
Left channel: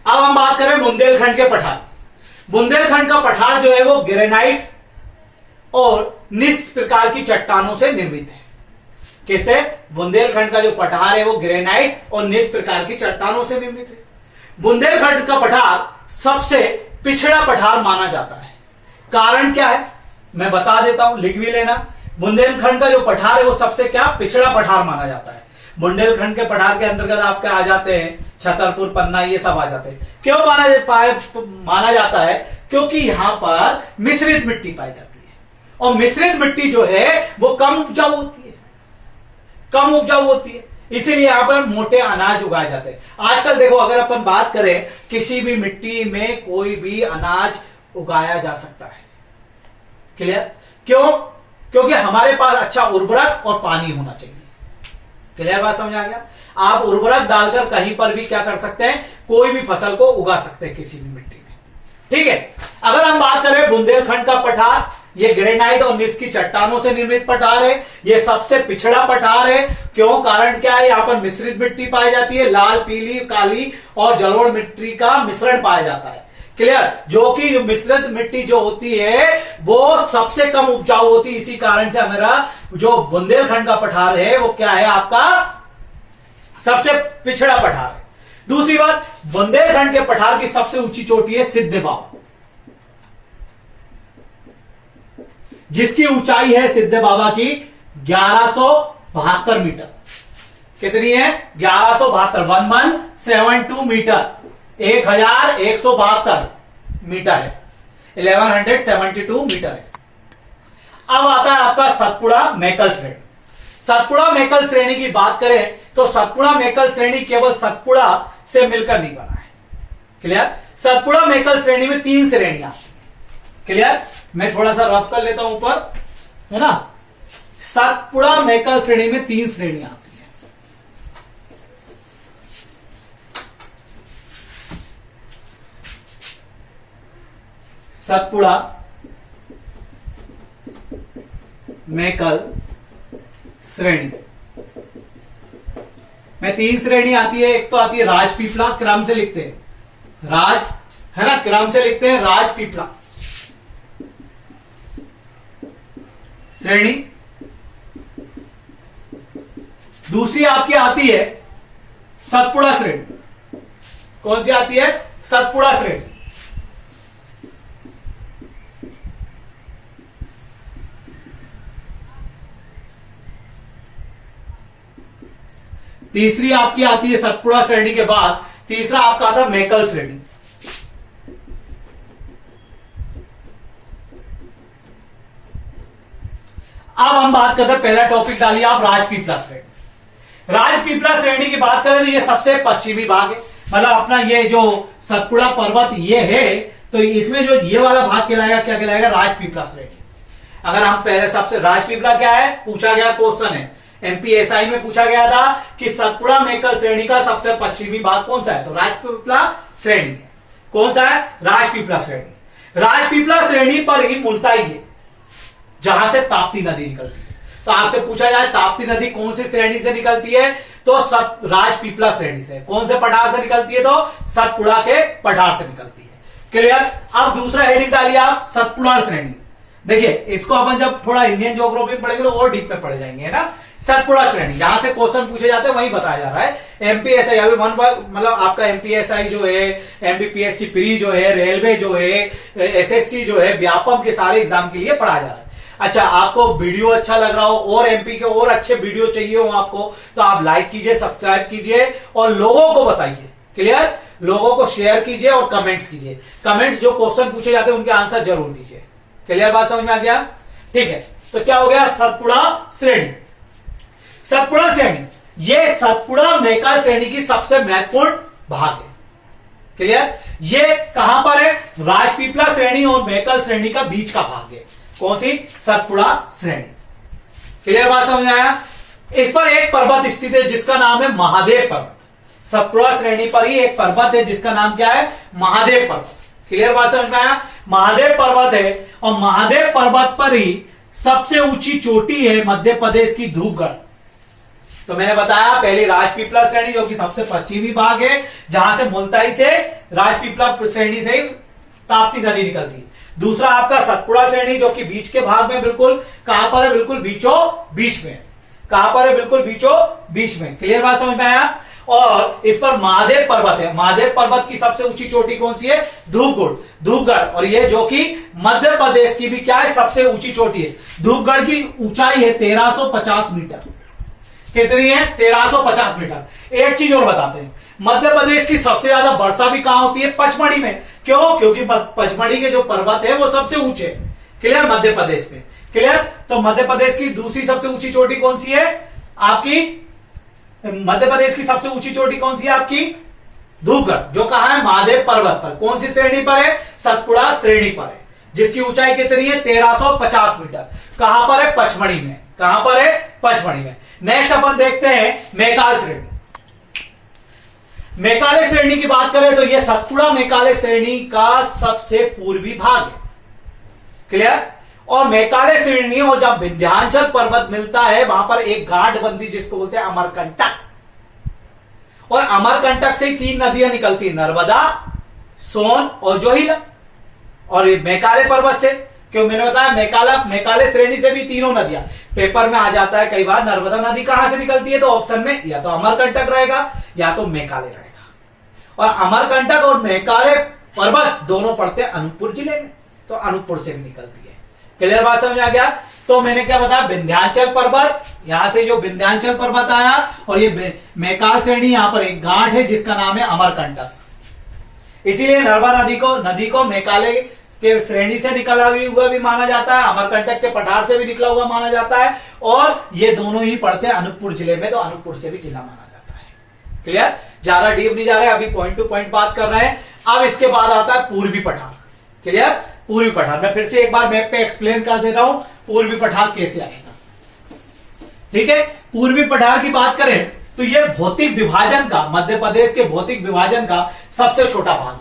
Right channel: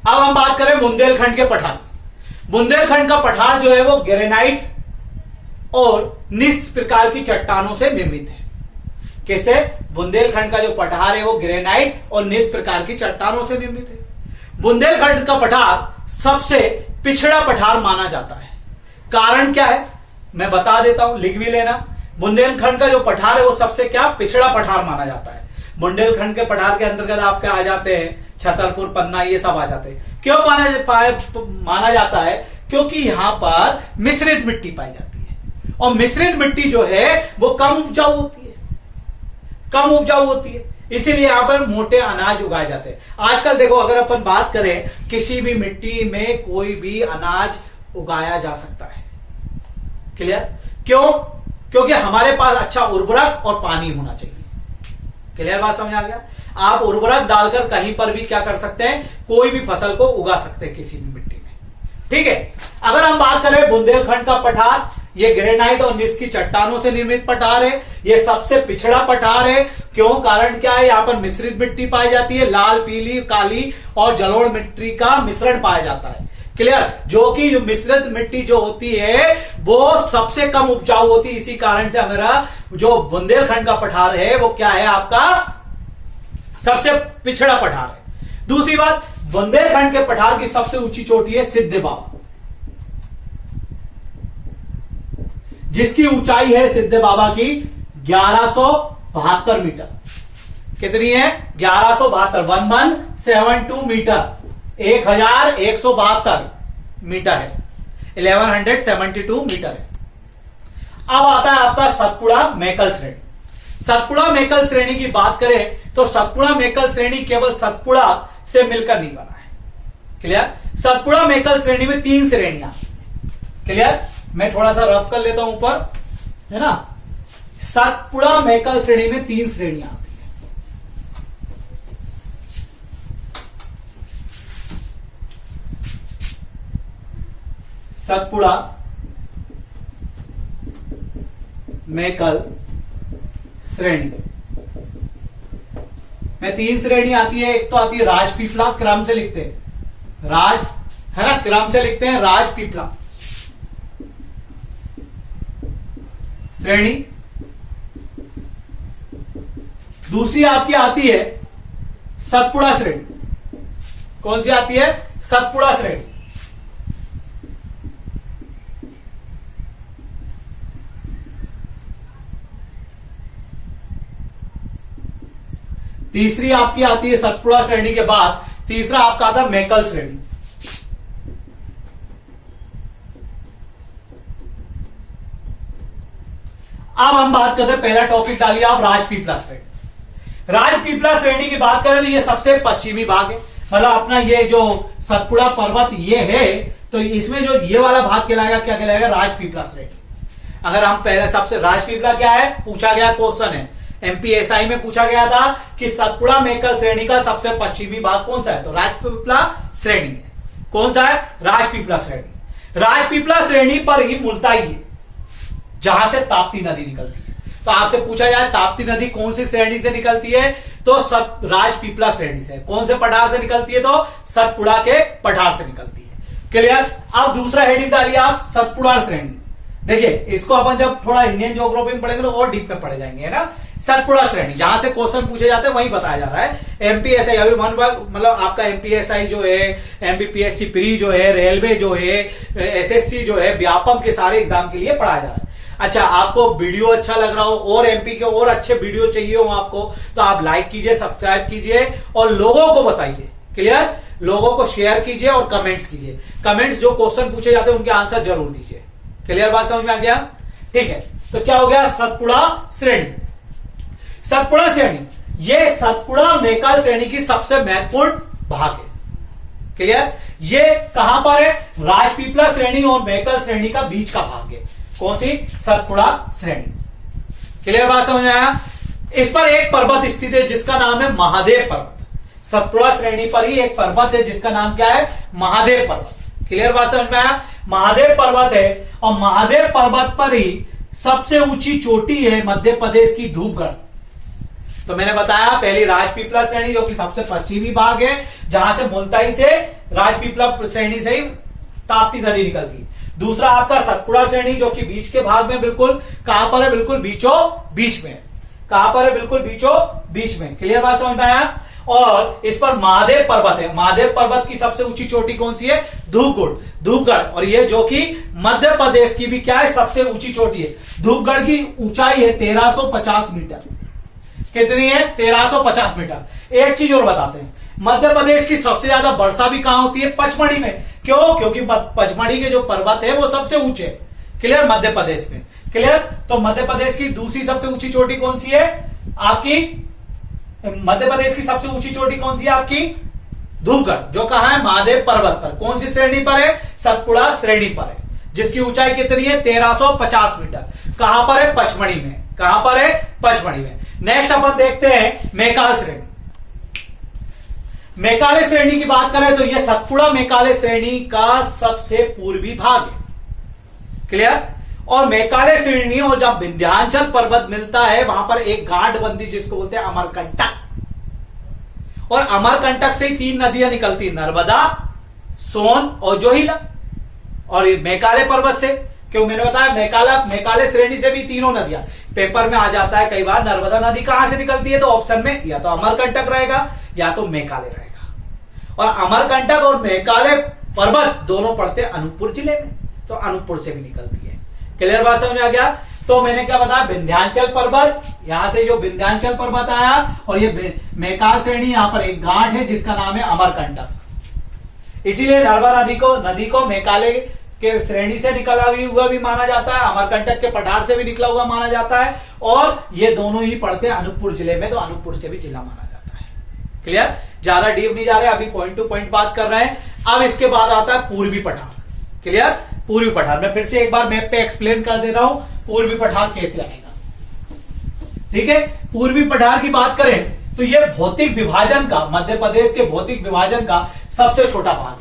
अब हम बात करें बुंदेलखंड के पठार। बुंदेलखंड का पठार जो है वो ग्रेनाइट और निस प्रकार की चट्टानों से निर्मित है। कैसे? बुंदेलखंड का जो पठार है वो ग्रेनाइट और निस प्रकार की चट्टानों से निर्मित है। बुंदेलखंड का पठार सबसे पिछड़ा पठार माना जाता है। कारण क्या है मैं बता देता हूं, लिख भी लेना। बुंदेलखंड का जो पठार है वो सबसे क्या? पिछड़ा पठार माना जाता है। बुंदेलखंड के पठार के अंतर्गत आपके आ जाते हैं छतरपुर, पन्ना, ये सब आ जाते हैं। क्यों माना जाता है? क्योंकि यहां पर मिश्रित मिट्टी पाई जाती है, और मिश्रित मिट्टी जो है वो कम उपजाऊ होती है, इसीलिए यहां पर मोटे अनाज उगाए जाते हैं। आजकल देखो, अगर अपन बात करें, किसी भी मिट्टी में कोई भी अनाज उगाया जा सकता है। क्लियर? क्यों? क्योंकि हमारे पास अच्छा उर्वरक और पानी होना चाहिए। क्लियर बात समझ आ गया? आप उर्वरक डालकर कहीं पर भी क्या कर सकते हैं? कोई भी फसल को उगा सकते हैं किसी भी मिट्टी में। ठीक है। अगर हम बात करें बुंदेलखंड का पठार, ये ग्रेनाइट और निस की चट्टानों से निर्मित पठार है। ये सबसे पिछड़ा पठार है। क्यों? कारण क्या है? यहाँ पर मिश्रित मिट्टी पाई जाती है, लाल, पीली, काली और जलोढ़ मिट्टी का मिश्रण पाया जाता है। क्लियर? जो कि मिश्रित मिट्टी जो होती है वो सबसे कम उपजाऊ होती है। इसी कारण से हमारा जो बुंदेलखंड का पठार है वो क्या है? आपका सबसे पिछड़ा पठार है। दूसरी बात, बुंदेलखंड के पठार की सबसे ऊंची चोटी है सिद्ध बाबा, जिसकी ऊंचाई है सिद्ध बाबा की 1172 मीटर। कितनी है? 1172, 1172 मीटर, 1172 मीटर है, 1172 मीटर है। अब आता है आपका सतपुड़ा मैकल्स हेड। सतपुड़ा मेकल श्रेणी की बात करें तो सतपुड़ा मेकल श्रेणी केवल सतपुड़ा से मिलकर नहीं बना है। क्लियर? सतपुड़ा मेकल श्रेणी में 3 श्रेणियां। क्लियर? मैं थोड़ा सा रफ कर लेता हूं ऊपर, है ना। सतपुड़ा मेकल श्रेणी में 3 श्रेणियां आती है। सतपुड़ा मेकल श्रेणी में 3 श्रेणी आती है। एक तो आती है राजपीपला, क्रम से लिखते हैं राज, है ना, क्रम से लिखते हैं राजपीपला श्रेणी। दूसरी आपकी आती है सतपुड़ा श्रेणी। कौन सी आती है? सतपुड़ा श्रेणी। तीसरी आपकी आती है सतपुड़ा श्रेणी के बाद तीसरा आपका आता है मेकल श्रेणी। अब हम बात करते हैं, पहला टॉपिक डालिए आप राजपीपला श्रेणी। राजपीपला श्रेणी की बात करें तो ये सबसे पश्चिमी भाग है, मतलब अपना ये जो सतपुड़ा पर्वत ये है, तो इसमें जो ये वाला भाग कहलाएगा, क्या कहलाएगा? राजपीपला श्रेणी। अगर हम पहले सबसे, राजपीपला क्या है पूछा गया क्वेश्चन है, एमपीएसआई में पूछा गया था कि सतपुड़ा मेकल श्रेणी का सबसे पश्चिमी भाग कौन सा है, तो राजपीपला श्रेणी है। कौन सा है? राजपीपला श्रेणी। राजपीपला श्रेणी पर ही मुल्ताई है जहां से ताप्ती नदी निकलती है। तो आपसे पूछा जाए ताप्ती नदी कौन सी श्रेणी से निकलती है, तो राजपीपला श्रेणी से। कौन से पठार से निकलती है, तो सतपुड़ा के पठार से निकलती है। क्लियर? अब दूसरा हेडिंग डालिए आप सतपुड़ा श्रेणी। देखिए इसको अपन जब थोड़ा इंडियन ज्योग्राफी में पढ़ेंगे तो और डीप में पढ़े जाएंगे, है ना। सतपुड़ा श्रेणी जहां से क्वेश्चन पूछे जाते हैं वही बताया जा रहा है। एमपीएसआई अभी मतलब आपका एमपीएसआई जो है, एमपीपीएससी प्री जो है, रेलवे जो है, एसएससी जो है, व्यापम के सारे एग्जाम के लिए पढ़ाया जा रहा है। अच्छा, आपको वीडियो अच्छा लग रहा हो और एमपी के और अच्छे वीडियो चाहिए हो आपको, तो आप लाइक कीजिए, सब्सक्राइब कीजिए और लोगों को बताइए। क्लियर? लोगों को शेयर कीजिए और कमेंट्स कीजिए। कमेंट्स जो क्वेश्चन पूछे जाते हैं उनके आंसर जरूर दीजिए। क्लियर? बात समझ में आ गया? ठीक है, तो क्या हो गया? सतपुड़ा श्रेणी। सतपुड़ा श्रेणी ये सतपुड़ा मेकल श्रेणी की सबसे महत्वपूर्ण भाग है। क्लियर? ये कहां पर है? राजपीपला श्रेणी और मेकल श्रेणी का बीच का भाग है। कौन सी? सतपुड़ा श्रेणी। क्लियर? बात समझ में आया? इस पर एक पर्वत स्थित है जिसका नाम है महादेव पर्वत। सतपुड़ा श्रेणी पर ही एक पर्वत है जिसका नाम क्या है? महादेव पर्वत। क्लियर? बात समझ में आया? महादेव पर्वत है और महादेव पर्वत पर ही सबसे ऊंची चोटी है मध्य प्रदेश की धूपगढ़। तो मैंने बताया पहली राजपीपला श्रेणी जो कि सबसे पश्चिमी भाग है, जहां से मुल्ताई से राजपीपला श्रेणी से ही ताप्ती नदी निकलती है। दूसरा आपका सतपुड़ा श्रेणी जो कि बीच के भाग में, बिल्कुल कहां पर है? बिल्कुल बीचों बीच में। कहां पर है? बिल्कुल बीचों बीच में। क्लियर? बात समझ में आया? और इस पर महादेव पर्वत है। महादेव पर्वत की सबसे ऊंची चोटी कौन सी है? धूपगढ़। और ये जो कि मध्य प्रदेश की भी क्या है? सबसे ऊंची चोटी है। धूपगढ़ की ऊंचाई है 1350 मीटर। कितनी है? 1350 मीटर। एक चीज और बताते हैं, मध्य प्रदेश की सबसे ज्यादा वर्षा भी कहां होती है? पचमढ़ी में। क्यों? क्योंकि पचमढ़ी के जो पर्वत है वो सबसे ऊंचे। क्लियर? मध्य प्रदेश में। क्लियर? तो मध्य प्रदेश की दूसरी सबसे ऊंची चोटी कौन सी है आपकी? मध्य प्रदेश की सबसे ऊंची चोटी कौन सी है आपकी? धूपगढ़, जो कहां है? महादेव पर्वत पर। कौन सी श्रेणी पर है? सतपुड़ा श्रेणी पर है, जिसकी ऊंचाई कितनी है? 1350 मीटर। कहां पर है? पचमढ़ी में। कहां पर है? पचमढ़ी में। नेक्स्ट अपन देखते हैं मेकाल श्रेणी। मेकाले श्रेणी की बात करें तो यह सतपुड़ा मेकाले श्रेणी का सबसे पूर्वी भाग है। क्लियर? और मेकाले श्रेणी और जब विंध्याचल पर्वत मिलता है वहां पर एक गांठ बनती जिसको बोलते हैं अमरकंटक, और अमरकंटक से ही 3 नदियां निकलती, नर्मदा, सोन और जोहिला। और ये मेकाले पर्वत से, क्यों मैंने बताया मेकाले श्रेणी से भी तीनों नदियां। पेपर में आ जाता है कई बार नर्मदा नदी कहां से निकलती है, तो ऑप्शन में या तो अमरकंटक रहेगा या तो मेकाले रहेगा। और अमरकंटक और मेकाले पर्वत दोनों पड़ते हैं अनूपपुर जिले में, तो अनूपपुर से भी निकलती है। क्लियर? बात समझ आ गया? तो मैंने क्या बताया? विंध्याचल पर्वत, यहां से जो विंध्याचल पर्वत आया, और ये मेकाल श्रेणी, यहां पर एक गांठ है जिसका नाम है अमरकंटक। इसीलिए नर्मदा नदी को मेकाले के श्रेणी से निकला हुआ भी माना जाता है, अमरकंटक के पठार से भी निकला हुआ माना जाता है, और ये दोनों ही पड़ते हैं अनूपपुर जिले में, तो अनूपपुर से भी जिला माना जाता है। क्लियर? ज्यादा डीप नहीं जा रहे, अभी पॉइंट टू पॉइंट बात कर रहे हैं। अब इसके बाद आता है पूर्वी पठार। क्लियर? पूर्वी पठार मैं फिर से एक बार मैप पे एक्सप्लेन कर दे रहा हूं पूर्वी पठार कैसे आएगा। ठीक है, पूर्वी पठार की बात करें तो यह भौतिक विभाजन का, मध्य प्रदेश के भौतिक विभाजन का सबसे छोटा भाग है,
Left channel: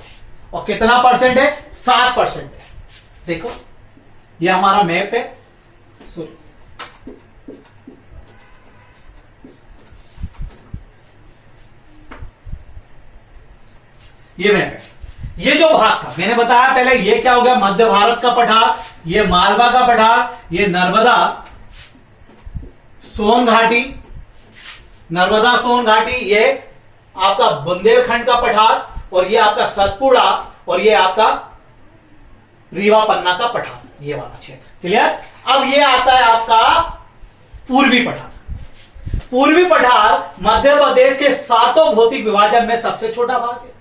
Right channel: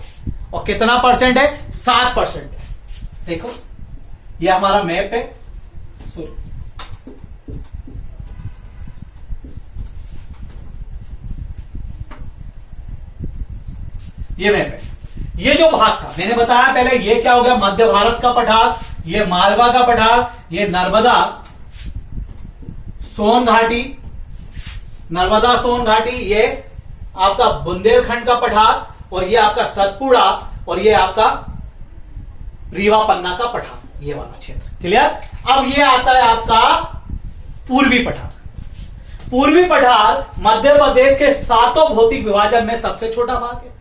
और कितना परसेंट है? 7% है। देखो ये हमारा मैप है, ये मैप है। ये जो भाग था मैंने बताया पहले, ये क्या हो गया? मध्य भारत का पठार, ये मालवा का पठार, ये नर्मदा सोन घाटी, नर्मदा सोन घाटी, ये आपका बुंदेलखंड का पठार, और ये आपका सतपुड़ा, और ये आपका रीवा पन्ना का पठार, ये वाला क्षेत्र। क्लियर? अब ये आता है आपका पूर्वी पठार। पूर्वी पठार मध्य प्रदेश के 7 भौतिक विभाजन में सबसे छोटा भाग है।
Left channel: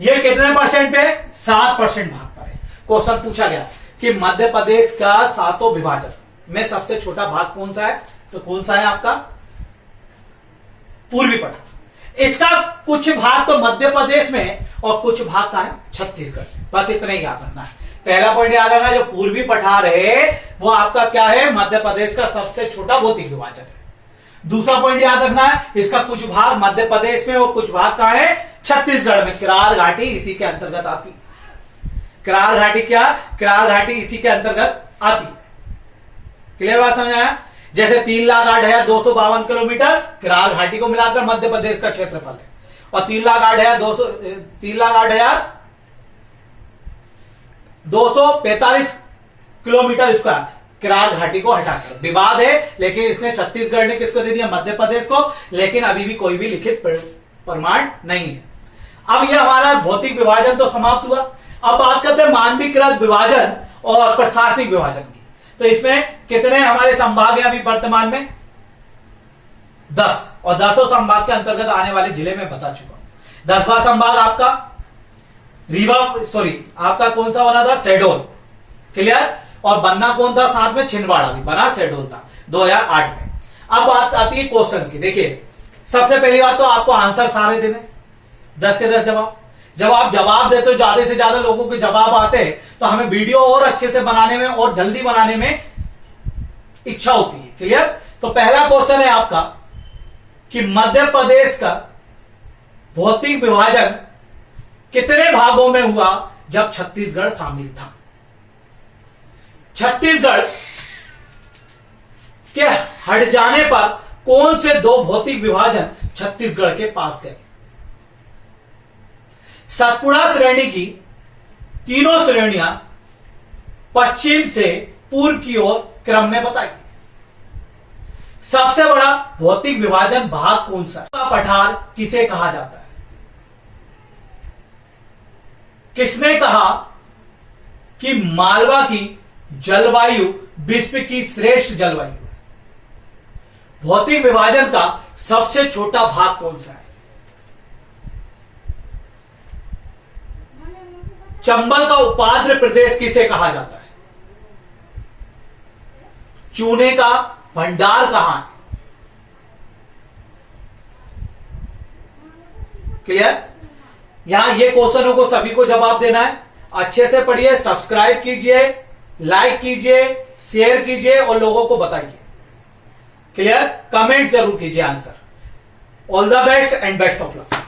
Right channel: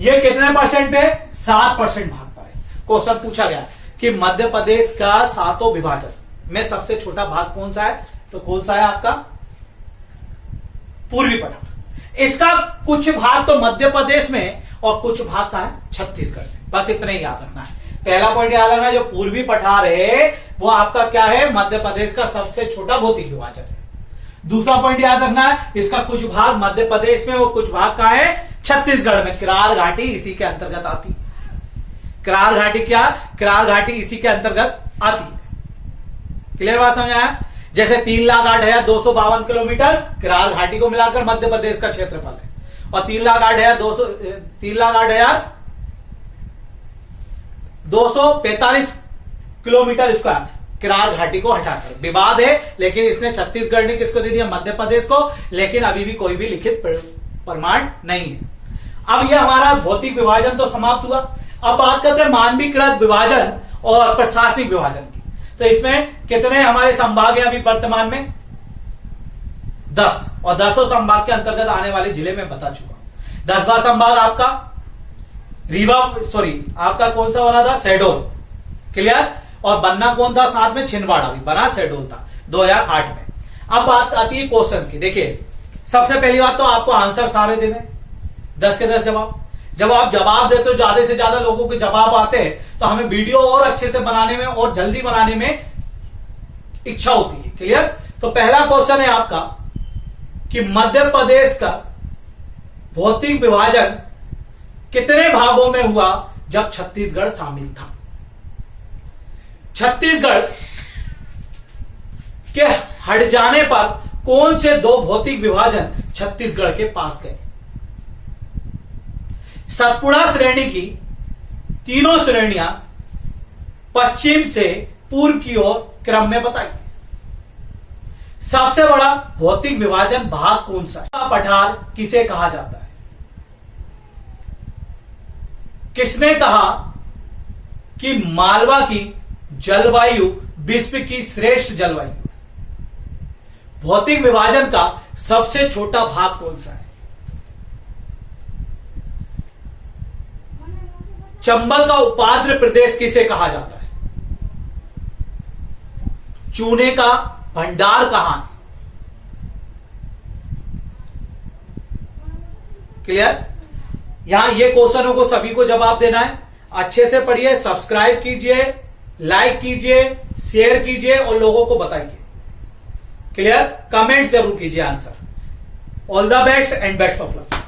ये कितने परसेंट पे? 7% भाग पर है। क्वेश्चन पूछा गया कि मध्य प्रदेश का 7 विभाजन में सबसे छोटा भाग कौन सा है, तो कौन सा है आपका? पूर्वी पठार। इसका कुछ भाग तो मध्य प्रदेश में और कुछ भाग का है छत्तीसगढ़ में। बस इतना ही याद रखना है। पहला पॉइंट याद रखना, जो पूर्वी पठार है वो आपका क्या है? मध्य प्रदेश का सबसे छोटा भौतिक विभाजन है। दूसरा पॉइंट याद रखना है, इसका कुछ भाग मध्य प्रदेश में और कुछ भाग कहां है? छत्तीसगढ़ में। करार घाटी इसी के अंतर्गत आती है। करार घाटी क्या? करार घाटी इसी के अंतर्गत आती है। क्लियर बात समझ आया? जैसे 3,08,252 किलोमीटर करार घाटी को मिलाकर मध्य प्रदेश का क्षेत्रफल है, और 3,08,245 किलोमीटर स्क्वायर करार घाटी को हटाकर। विवाद है, लेकिन इसने छत्तीसगढ़ ने किसको दे दिया? मध्य प्रदेश को, लेकिन अभी भी कोई भी लिखित प्रमाण नहीं है। अब यह हमारा भौतिक विभाजन तो समाप्त हुआ। अब बात करते हैं मानवीकृत विभाजन और प्रशासनिक विभाजन की। तो इसमें कितने हमारे संभाग हैं अभी वर्तमान में? 10, और 10 संभाग के अंतर्गत आने वाले जिले में बता चुका हूं। 10वां संभाग आपका आपका कौन सा बना था? शहडोल। क्लियर? और बनना कौन था साथ में? छिंदवाड़ा भी बना, शहडोल था 2008 में। अब बात आती है क्वेश्चन की। देखिए सबसे पहली बात तो आपको आंसर सारे देने, 10 के 10 जवाब। जब आप जवाब देते हो, ज्यादा से ज्यादा लोगों के जवाब आते हैं, तो हमें वीडियो और अच्छे से बनाने में और जल्दी बनाने में इच्छा होती है। क्लियर? तो पहला क्वेश्चन है आपका कि मध्य प्रदेश का भौतिक विभाजन कितने भागों में हुआ जब छत्तीसगढ़ शामिल था? छत्तीसगढ़ के हट जाने पर कौन से 2 भौतिक विभाजन छत्तीसगढ़ के पास गए? सतपुड़ा श्रेणी की तीनों श्रेणियां पश्चिम से पूर्व की ओर क्रम में बताई। सबसे बड़ा भौतिक विभाजन भाग कौन सा है? पठार किसे कहा जाता है? किसने कहा कि मालवा की जलवायु विश्व की श्रेष्ठ जलवायु? भौतिक विभाजन का सबसे छोटा भाग कौन सा है? चंबल का उपाद्र प्रदेश किसे कहा जाता है? चूने का भंडार कहां है? क्लियर? यहां ये क्वेश्चनों को सभी को जवाब देना है। अच्छे से पढ़िए, सब्सक्राइब कीजिए, लाइक कीजिए, शेयर कीजिए और लोगों को बताइए। क्लियर? कमेंट जरूर कीजिए answer. All the best and best of luck.